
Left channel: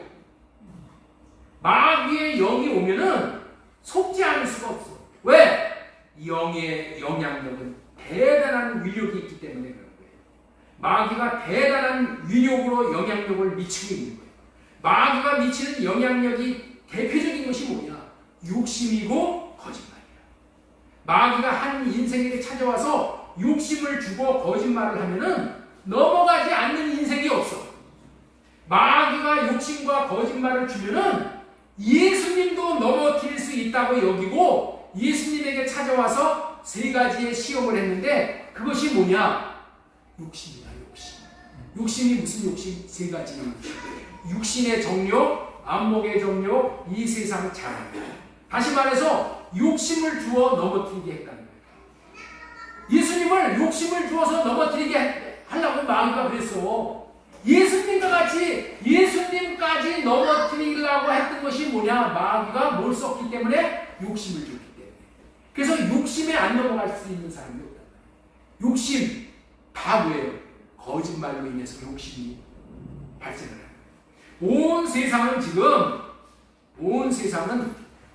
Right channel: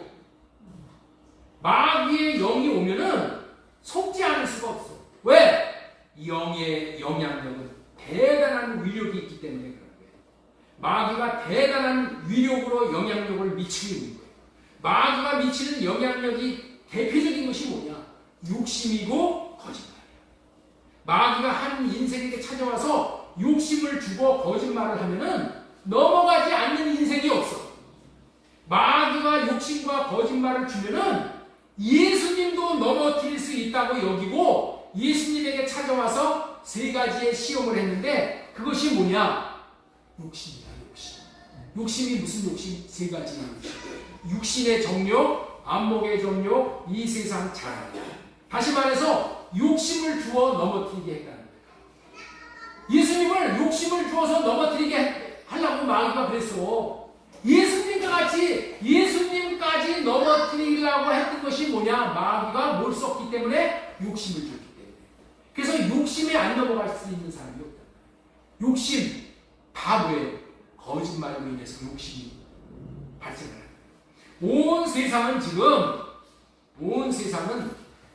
마귀의 영이 오면은 속지 않을 수가 없어. 왜? 영의 영향력은 대단한 위력이 있기 때문에 그런 거예요. 마귀가 대단한 위력으로 영향력을 미치고 있는 거예요. 마귀가 미치는 영향력이 대표적인 것이 뭐냐? 욕심이고 거짓말이야. 마귀가 한 인생에게 찾아와서 욕심을 주고 거짓말을 하면은 넘어가지 않는 인생이 없어. 마귀가 욕심과 거짓말을 주면은 예수님도 넘어뜨릴 수 있다고 여기고 예수님에게 찾아와서 3가지의 시험을 했는데 그것이 뭐냐? 욕심이야, 욕심. 욕심이 무슨 욕심? 3가지의 욕심. 육신의 정욕, 안목의 정욕, 이 세상 자랑. 다시 말해서 욕심을 주어 넘어뜨리게 했다는 거예요. 예수님을 욕심을 주어서 넘어뜨리게 하려고 마귀가 그랬어. 예수님과 같이 예수님까지 넘어뜨리려고 했던 것이 뭐냐? 마귀가 뭘 썼기 때문에? 욕심을 줬기 때문에. 그래서 욕심에 안 넘어갈 수 있는 사람이 없다. 욕심 다 뭐예요? 거짓말로 인해서 욕심이 발생을 합니다. 온 세상은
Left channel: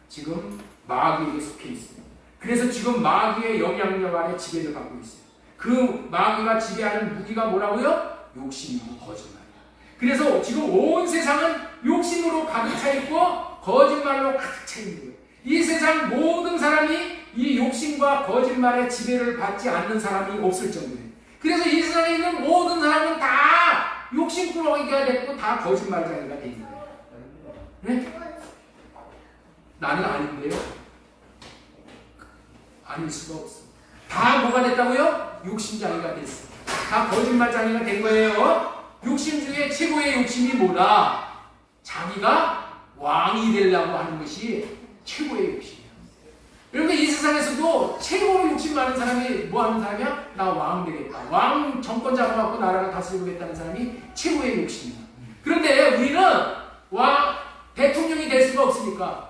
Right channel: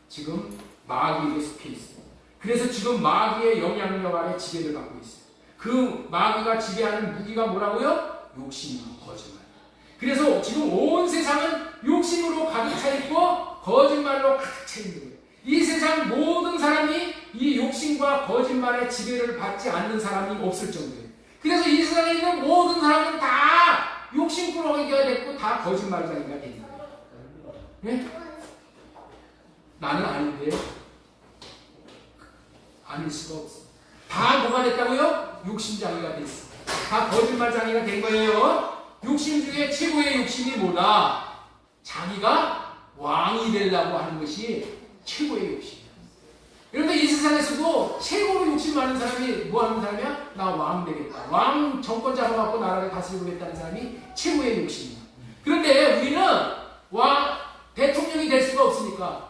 지금 마귀에게 속해 있어요. 그래서 지금 마귀의 영향력 아래 지배를 받고 있어요. 그 마귀가 지배하는 무기가 뭐라고요? 욕심이고 거짓말이야. 그래서 지금 온 세상은 욕심으로 가득 차 있고 거짓말로 가득 차 있는 거예요. 이 세상 모든 사람이 이 욕심과 거짓말의 지배를 받지 않는 사람이 없을 정도예요. 그래서 이 세상에 있는 모든 사람은 다 욕심꾸러기가 됐고 다 거짓말쟁이가 돼 있는 거예요. 네? 나는 아닌데요? 아닐 수가 없어. 다 뭐가 됐다고요? 욕심장이가 됐어. 다 거짓말장이가 된 거예요. 욕심 중에 최고의 욕심이 뭐다? 자기가 왕이 되려고 하는 것이 최고의 욕심이야. 그런데 이 세상에서도 최고로 욕심 많은 사람이 뭐 하는 사람이야? 나 왕 되겠다. 왕 정권 잡아갖고 나라를 다스리겠다는 사람이 최고의 욕심이야. 그런데 우리는 대통령이 될 수가 없으니까,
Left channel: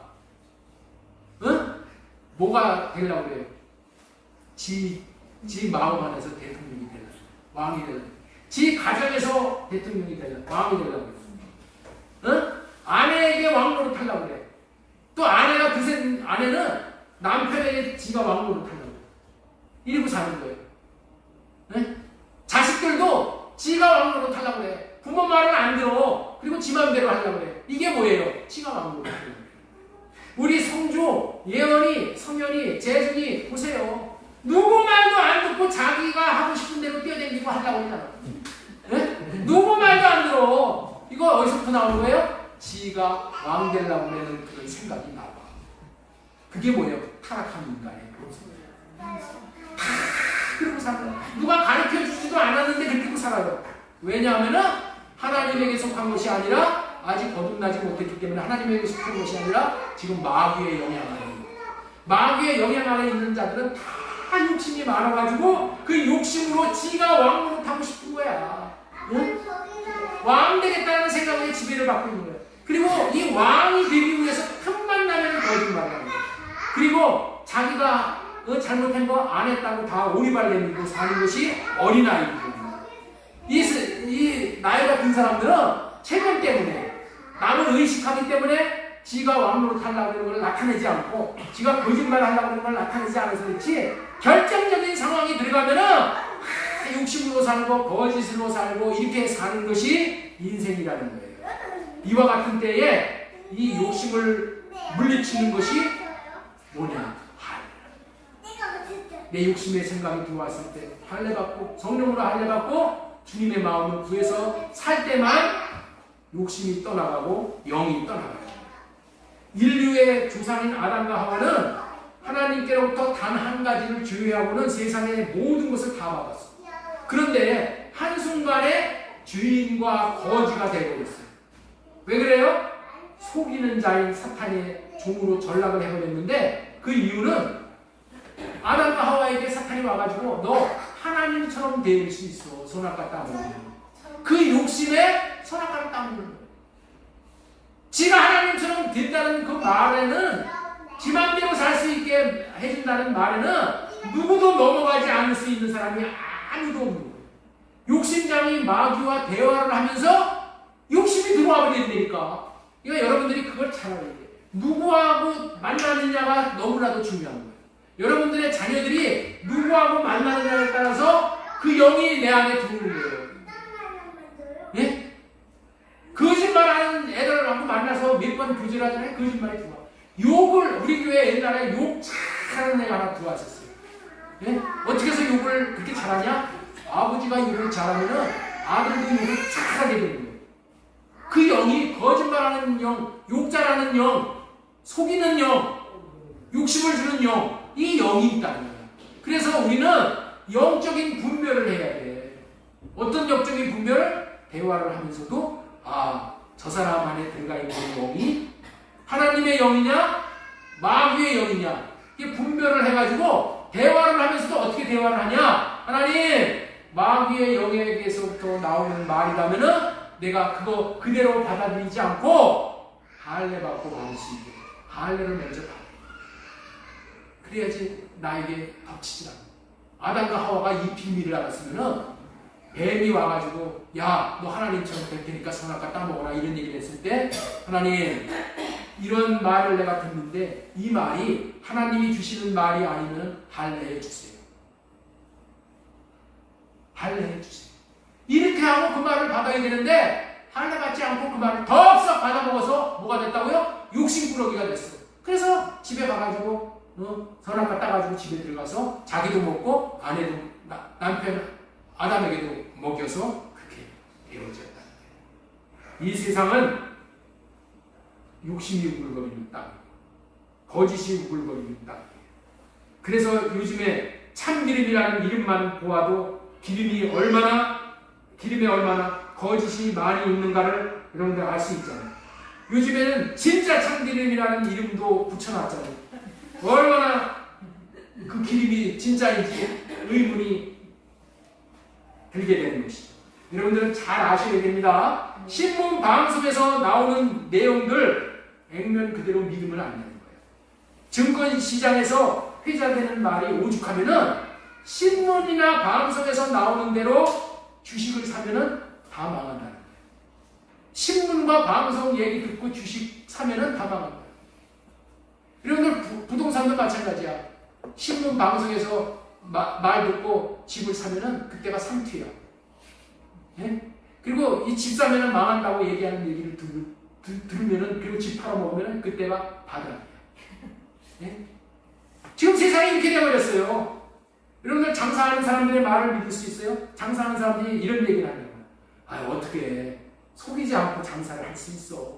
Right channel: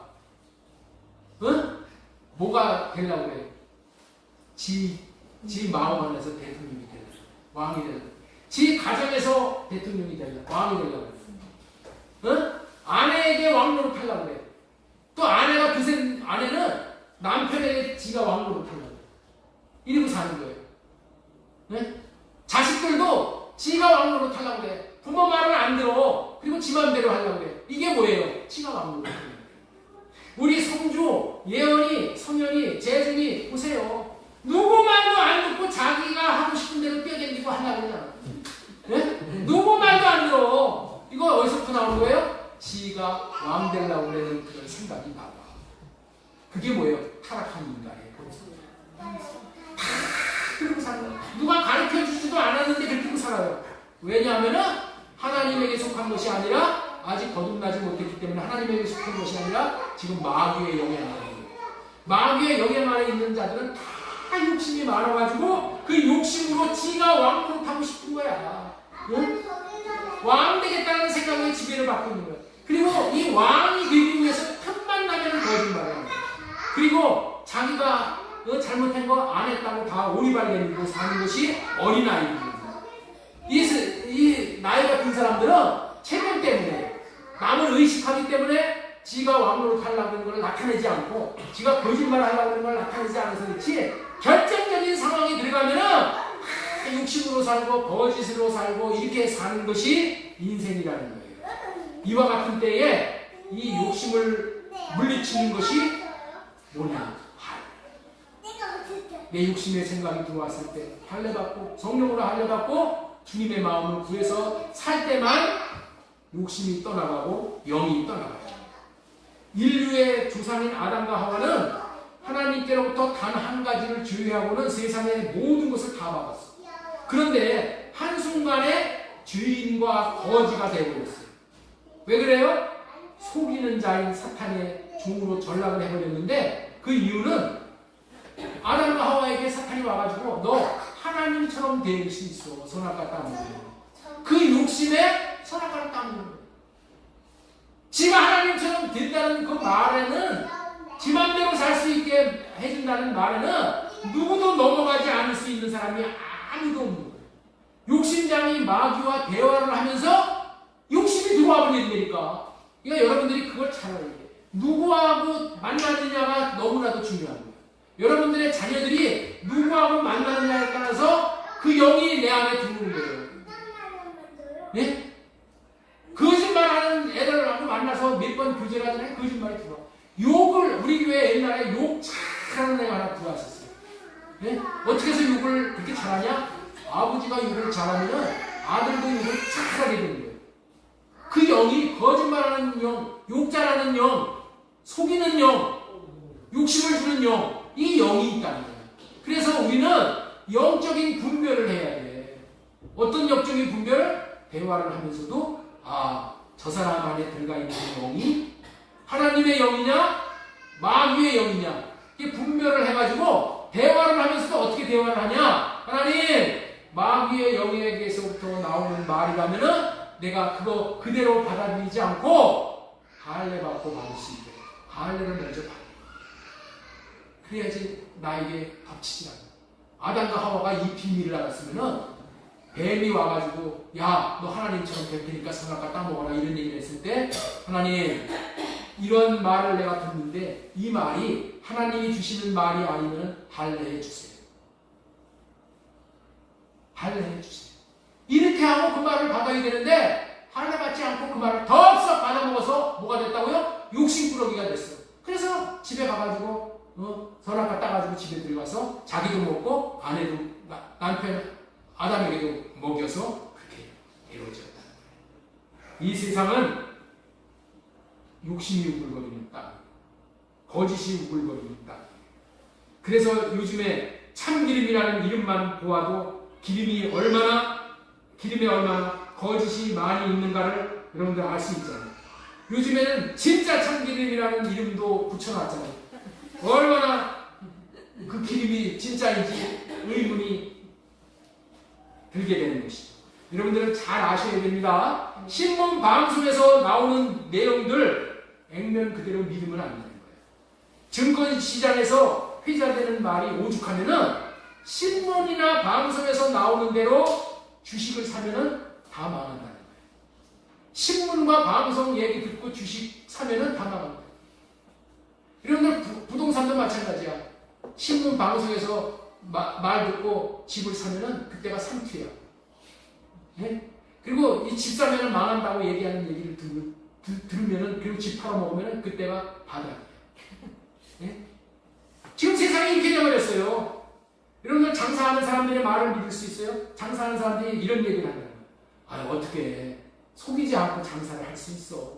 응? 뭐가 되려고 그래요? 지 마음 안에서 대통령이 되려고, 왕이 되려고, 지 가정에서 대통령이 되려고, 왕이 되려고 그래. 응? 아내에게 왕노릇 하려고 그래. 또 아내는 남편에게 지가 왕노릇 하려고 그래. 이러고 사는 거예요. 네? 자식들도 지가 왕노릇 하려고 그래. 부모 말을 안 들어. 그리고 지 맘대로 하려고 그래. 이게 뭐예요? 지가 왕노릇 하려고 그래. 우리 성주, 예언이, 성현이, 재준이 보세요. 누구 말도 안 듣고 자기가 하고 싶은 대로 뛰어다니고 하려고 그러잖아. 네? 누구 말도 안 들어. 이거 어디서부터 나오는 거예요? 지가 왕 되려고 그러는 그런 생각이 나와. 그게 뭐예요? 타락한 인간이에요. 그렇게 살아요. 누가 가르쳐 주지도 않았는데 그렇게 살아요. 왜냐하면은 하나님에게 속한 것이 아니라 아직 거듭나지 못했기 때문에 하나님에게 속한 것이 아니라 지금 마귀의 영향 아래 있는 거예요. 마귀의 영향 아래 있는 자들은 다 욕심이 많아가지고 그 욕심으로 지가 왕으로 타고 싶은 거야. 응? 왕 되겠다는 생각에 지배를 받고 있는 거야. 그리고 이 왕이 되기 위해서 틈만 나면 거짓말을 하는 거야. 그리고 자기가 잘못한 거 안 했다고 다 오리발 내밀고 사는 것이 어린아이입니다. 이 나이 같은 사람들은 체면 때문에 남을 의식하기 때문에 지가 왕으로 타려고 하는 걸 나타내지 않고 지가 거짓말을 하려고 하는 걸 나타내지 않아서 그렇지 결정적인 상황이 들어가면은 욕심으로 살고 거짓으로 살고 이렇게 사는 것이 인생이라는 거예요. 이와 같은 때에 이 욕심을 물리치는 것이 뭐냐? 내 욕심의 생각이 들어왔을 때 할례받고 성령으로 할례받고 주님의 마음을 구해서 살 때만 욕심이 떠나가고 영이 떠나가요. 인류의 조상인 아담과 하와는 하나님께로부터 단 한 가지를 주의하고는 세상의 모든 것을 다 받았어요. 그런데 한순간에 주인과 거지가 되어버렸어요. 왜 그래요? 속이는 자인 사탄의 종으로 전락을 해버렸는데 그 이유는 아담과 하와에게 사탄이 와가지고 너 하나님처럼 될 수 있어. 선악과 따먹는 그 욕심에 선악과를 따먹는 거예요. 지가 하나님처럼 된다는 그 말에는 지 맘대로 살 수 있게 해준다는 말에는 누구도 넘어가지 않을 수 있는 사람이 아무도 없는 거예요. 욕심장이 마귀와 대화를 하면서 욕심이 들어와 버리니까 그러니까 여러분들이 그걸 잘 알아야 돼요. 누구하고 만나느냐가 너무나도 중요한 거예요. 여러분들의 자녀들이 누구하고 만나느냐에 따라서 그 영이 내 안에 들어오는 거예요. 예? 거짓말하는 애들하고 만나서 몇 번 부질하잖아요. 거짓말이 들어와. 욕을 우리 교회 옛날에 욕 잘하는 애가 하나 들어왔었어요. 예? 어떻게 해서 욕을 그렇게 잘하냐? 아버지가 욕을 잘하면은 아들도 욕을 잘하게 되는 거예요. 그 영이 거짓말하는 영, 욕 잘하는 영, 속이는 영, 욕심을 주는 영, 이 영이 있다는 거야. 그래서 우리는 영적인 분별을 해야 돼. 어떤 영적인 분별을? 대화를 하면서도 저 사람 안에 들어가 있는 영이 하나님의 영이냐 마귀의 영이냐 이게 분별을 해가지고 대화를 하면서도 어떻게 대화를 하냐? 하나님 마귀의 영에게서부터 나오는 말이라면은 내가 그거 그대로 받아들이지 않고 할례받고 받을 수 있게 할례를 먼저 받아. 그래야지 나에게 덮치지 않아. 아담과 하와가 이 비밀을 알았으면은 뱀이 와가지고 야 너 하나님처럼 될 테니까 선악과 따먹어라 이런 얘기를 했을 때 하나님 이런 말을 내가 듣는데 이 말이 하나님이 주시는 말이 아니면 할례해 주세요. 할례해 주세요. 이렇게 하고 그 말을 받아야 되는데 할례 받지 않고 그 말을 덥석 받아먹어서 뭐가 됐다고요? 욕심꾸러기가 됐어요. 그래서 집에 가가지고 선악과 따가지고 집에 들어가서 자기도 먹고 아내도 남편 아담에게도 먹여서 그렇게 이루어졌다. 이 세상은 욕심이 우글거리는 땅이에요. 거짓이 우글거리는 땅이에요. 그래서 요즘에 참기름이라는 이름만 보아도 기름에 얼마나 거짓이 많이 있는가를 여러분들 알 수 있잖아요. 요즘에는 진짜 참기름이라는 이름도 붙여놨잖아요. 얼마나 그 기름이 진짜인지 의문이 들게 되는 것이죠. 여러분들은 잘 아셔야 됩니다. 신문 방송에서 나오는 내용들 액면 그대로 믿으면 안 되는 거예요. 증권시장에서 회자되는 말이 오죽하면은 신문이나 방송에서 나오는 대로 주식을 사면은 다 망한다는 거예요. 신문과 방송 얘기 듣고 주식 사면은 다 망한다. 여러분들 부동산도 마찬가지야. 신문 방송에서 말 듣고 집을 사면은 그때가 상투야. 예? 그리고 이 집 사면은 망한다고 얘기하는 얘기를 들으면은 그리고 집 팔아먹으면은 그때가 바닥이야. 예? 지금 세상이 이렇게 되어버렸어요. 여러분들 장사하는 사람들의 말을 믿을 수 있어요? 장사하는 사람들이 이런 얘기를 하는 거예요. 어떻게 속이지 않고 장사를 할 수 있어.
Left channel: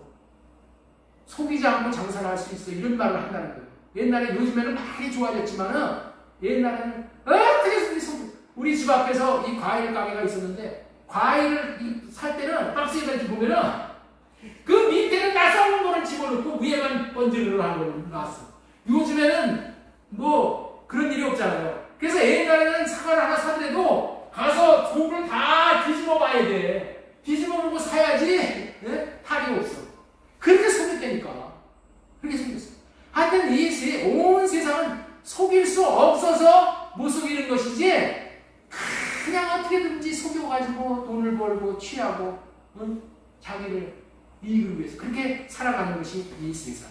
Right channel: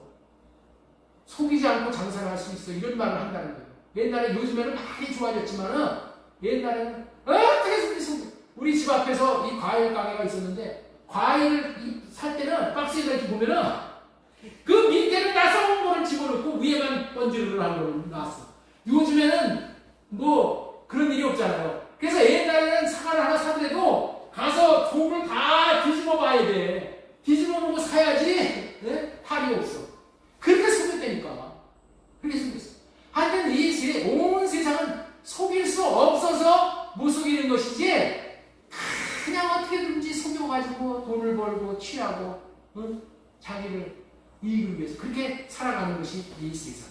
속이지 않고 장사를 할 수 있어. 이런 말을 한다는 거예요. 옛날에 요즘에는 많이 좋아졌지만은 옛날에는 어떻게 우리 집 앞에서 이 과일 가게가 있었는데 과일을 살 때는 박스에다 이렇게 보면은 그 밑에는 나사온 거를 집어넣고 위에만 번지르르 하는 걸 놨어. 요즘에는 뭐 그런 일이 없잖아요. 그래서 옛날에는 사과를 하나 사더라도 가서 속을 다 뒤집어 봐야 돼. 뒤집어 보고 사야지. 네? 탈이 없어. 그렇게 속였다니까. 그렇게 생겼어. 하여튼 온 세상은 속일 수 없어서 못 속이는 것이지 그냥 어떻게든지 속여가지고 돈을 벌고 취하고 자기를 이익을 위해서 그렇게 살아가는 것이 이 세상.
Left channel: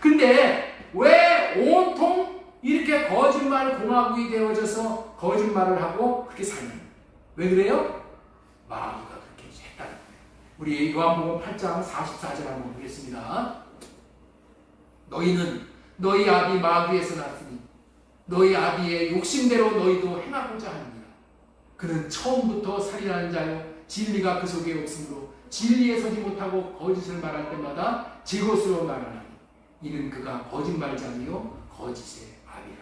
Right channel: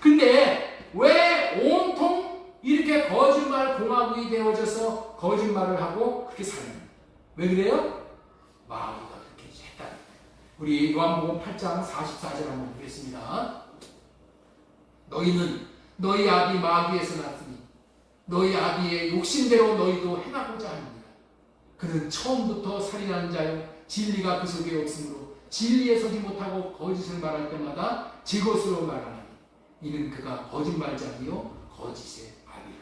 근데 왜 온통 이렇게 거짓말 공화국이 되어져서 거짓말을 하고 그렇게 사는? 왜 그래요? 마귀가 그렇게 했다는 거예요. 우리 요한복음 8장 44절 한번 보겠습니다. 너희는 너희 아비 마귀에서 났으니 너희 아비의 욕심대로 너희도 행하고자 하느니라. 그는 처음부터 살인하는 자요 진리가 그 속에 없으므로 진리에 서지 못하고 거짓을 말할 때마다 제 것으로 말하나니 이는 그가 거짓말자니요 거짓의 아비라.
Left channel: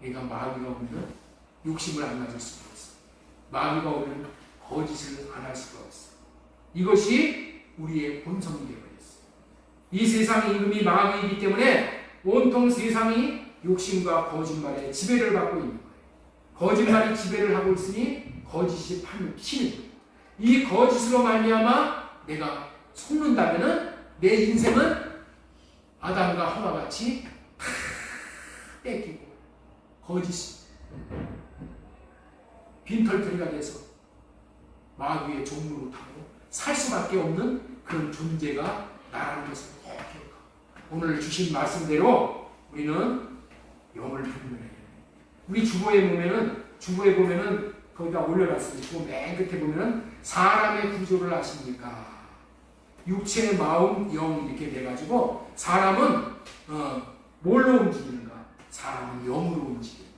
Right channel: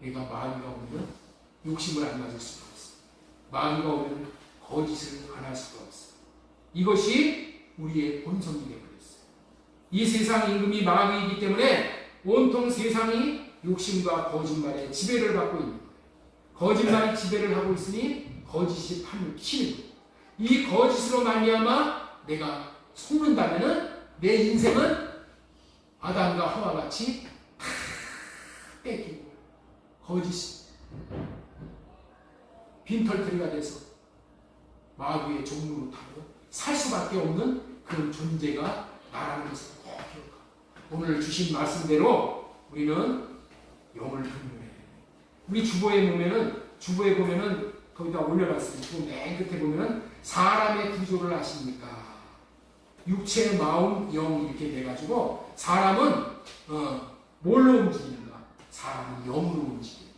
그러니까 마귀가 오면 욕심을 안 가질 수가 없어. 마귀가 오면 거짓을 안 할 수가 없어. 이것이 우리의 본성이 되어버렸어. 이 세상 임금이 마귀이기 때문에 온통 세상이 욕심과 거짓말에 지배를 받고 있는 거예요. 거짓말이 지배를 하고 있으니 거짓이 치는 거예요. 이 거짓으로 말미암아 내가 속는다면은 내 인생은 아담과 하와 같이 다 뺏기고 거짓 빈털터리가 돼서 마귀의 종로로 타고 살 수밖에 없는 그런 존재가 나라는 것을 꼭 기억하고 오늘 주신 말씀대로 우리는 영을 분별해야 돼요. 우리 주보에 보면은 거기다 올려놨어요. 주보 맨 끝에 보면은 사람의 구조를 아십니까? 육체, 마음, 영 이렇게 돼가지고 사람은 뭘로 움직이는가? 사람은 영으로 움직여요.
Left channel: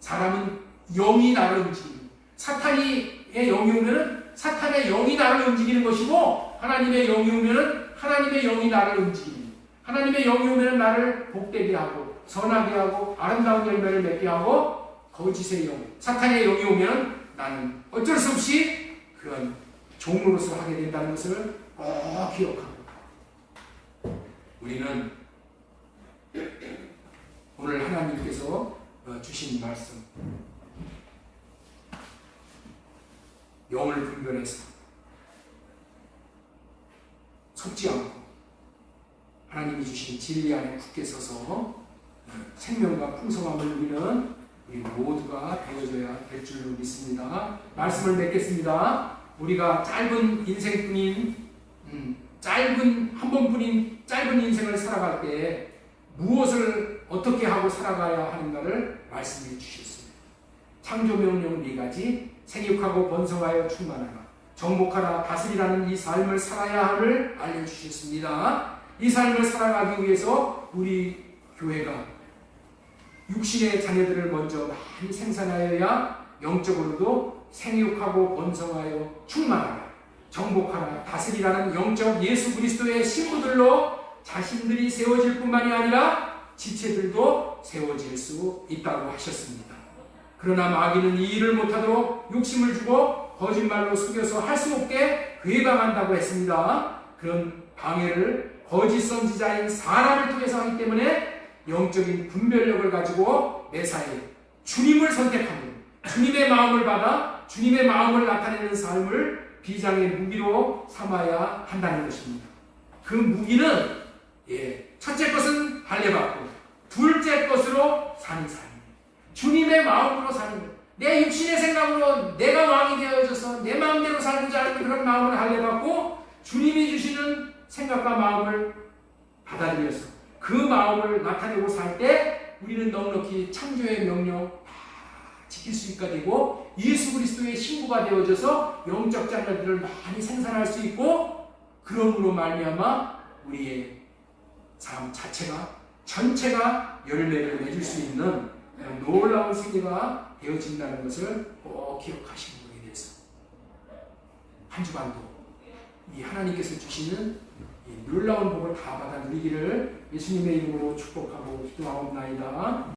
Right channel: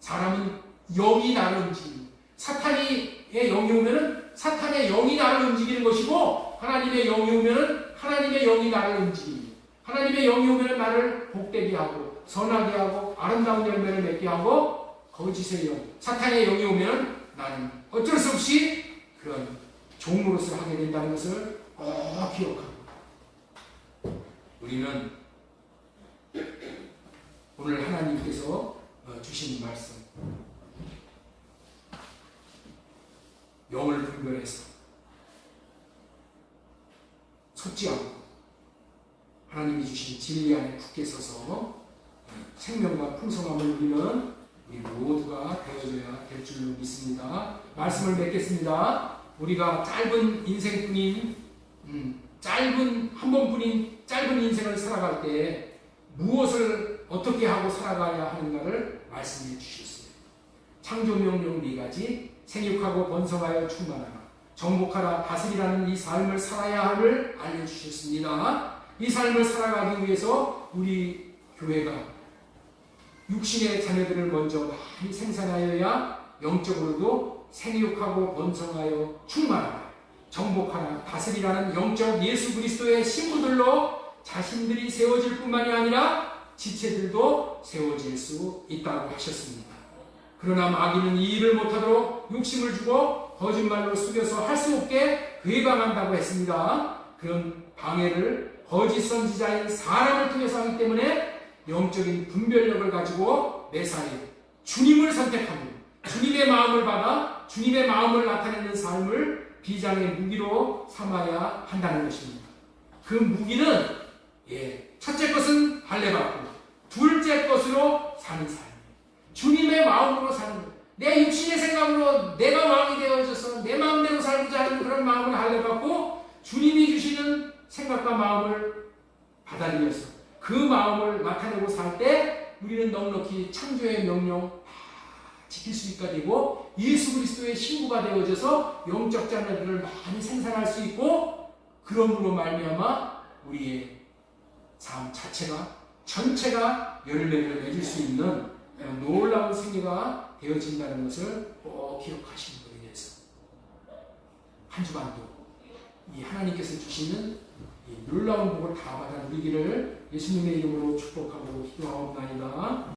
사람은 영이 나를 움직이는 사탄의 영이 오면은 사탄의 영이 나를 움직이는 것이고 하나님의 영이 오면은 하나님의 영이 나를 움직이는 하나님의 영이 오면은 나를 복되게 하고 선하게 하고 아름다운 열매를 맺게 하고 거짓의 영, 사탄의 영이 오면 나는 어쩔 수 없이 그런 종로로서 하게 된다는 것을 꼭 기억하고 우리는 오늘 하나님께서 주신 말씀 영을 분별해서 속지 않고 하나님이 주신 진리 안에 굳게 서서 생명과 풍성함을 누리는 우리 모두가 되어줘야 될 줄로 믿습니다. 말씀을 맺겠습니다. 우리가 짧은 인생뿐인 한 번뿐인 짧은 인생을 살아갈 때 무엇을 어떻게 하고 살아가야 하는가를 말씀해 주셨습니다. 창조명령 4가지 생육하고 번성하여 충만하라 정복하라 다스리라는 이 삶을 살아야 함을 알려주셨습니다. 이 삶을 살아가기 위해서 우리 교회가 육신의 자녀들을 먼저 많이 생산하여야 영적으로도 생육하고 번성하여 충만하라 정복하라 다스리라는 영적 예수 그리스도의 신부들로 자신들이 세워질 뿐만이 아니라 지체들도 세워질 수 있다고 하셨습니다. 그러나 마귀는 이 일을 못하도록 욕심을 주고 거짓말로 속여서 할 수 없게 괴방한다고 했습니다. 그런 방해를 거짓 선지자인 사람을 통해서 하기 때문에 영적인 분별력을 가지고 매사에 주님을 선택하고 주님의 마음을 받아 주님의 마음을 나타내는 삶을 비장의 무기로 삼아야 한다는 것입니다. 그 무기는 첫째 것은 할례받고 둘째 것으로 사는 삶. 주님의 마음으로 사는 것. 내 육신의 생각으로 내가 왕이 되어져서 내 마음대로 살고자 하는 그런 마음을 할례받고 주님이 주시는 생각과 마음을 받아들여서 그 마음을 나타내고 살 때 우리는 넉넉히 창조의 명령 다 지킬 수 있게 되고 예수 그리스도의 신부가 되어져서 영적 자녀들을 많이 생산할 수 있고 그러므로 말미암아 우리의 삶 자체가 전체가 열매를 맺을 수 있는 놀라운 생애가 되어진다는 것을 꼭 기억하시는 거에 대해서 한 주간도 이 하나님께서 주시는 이 놀라운 복을 다 받아 누리기를 예수님의 이름으로 축복하고 기도하옵나이다.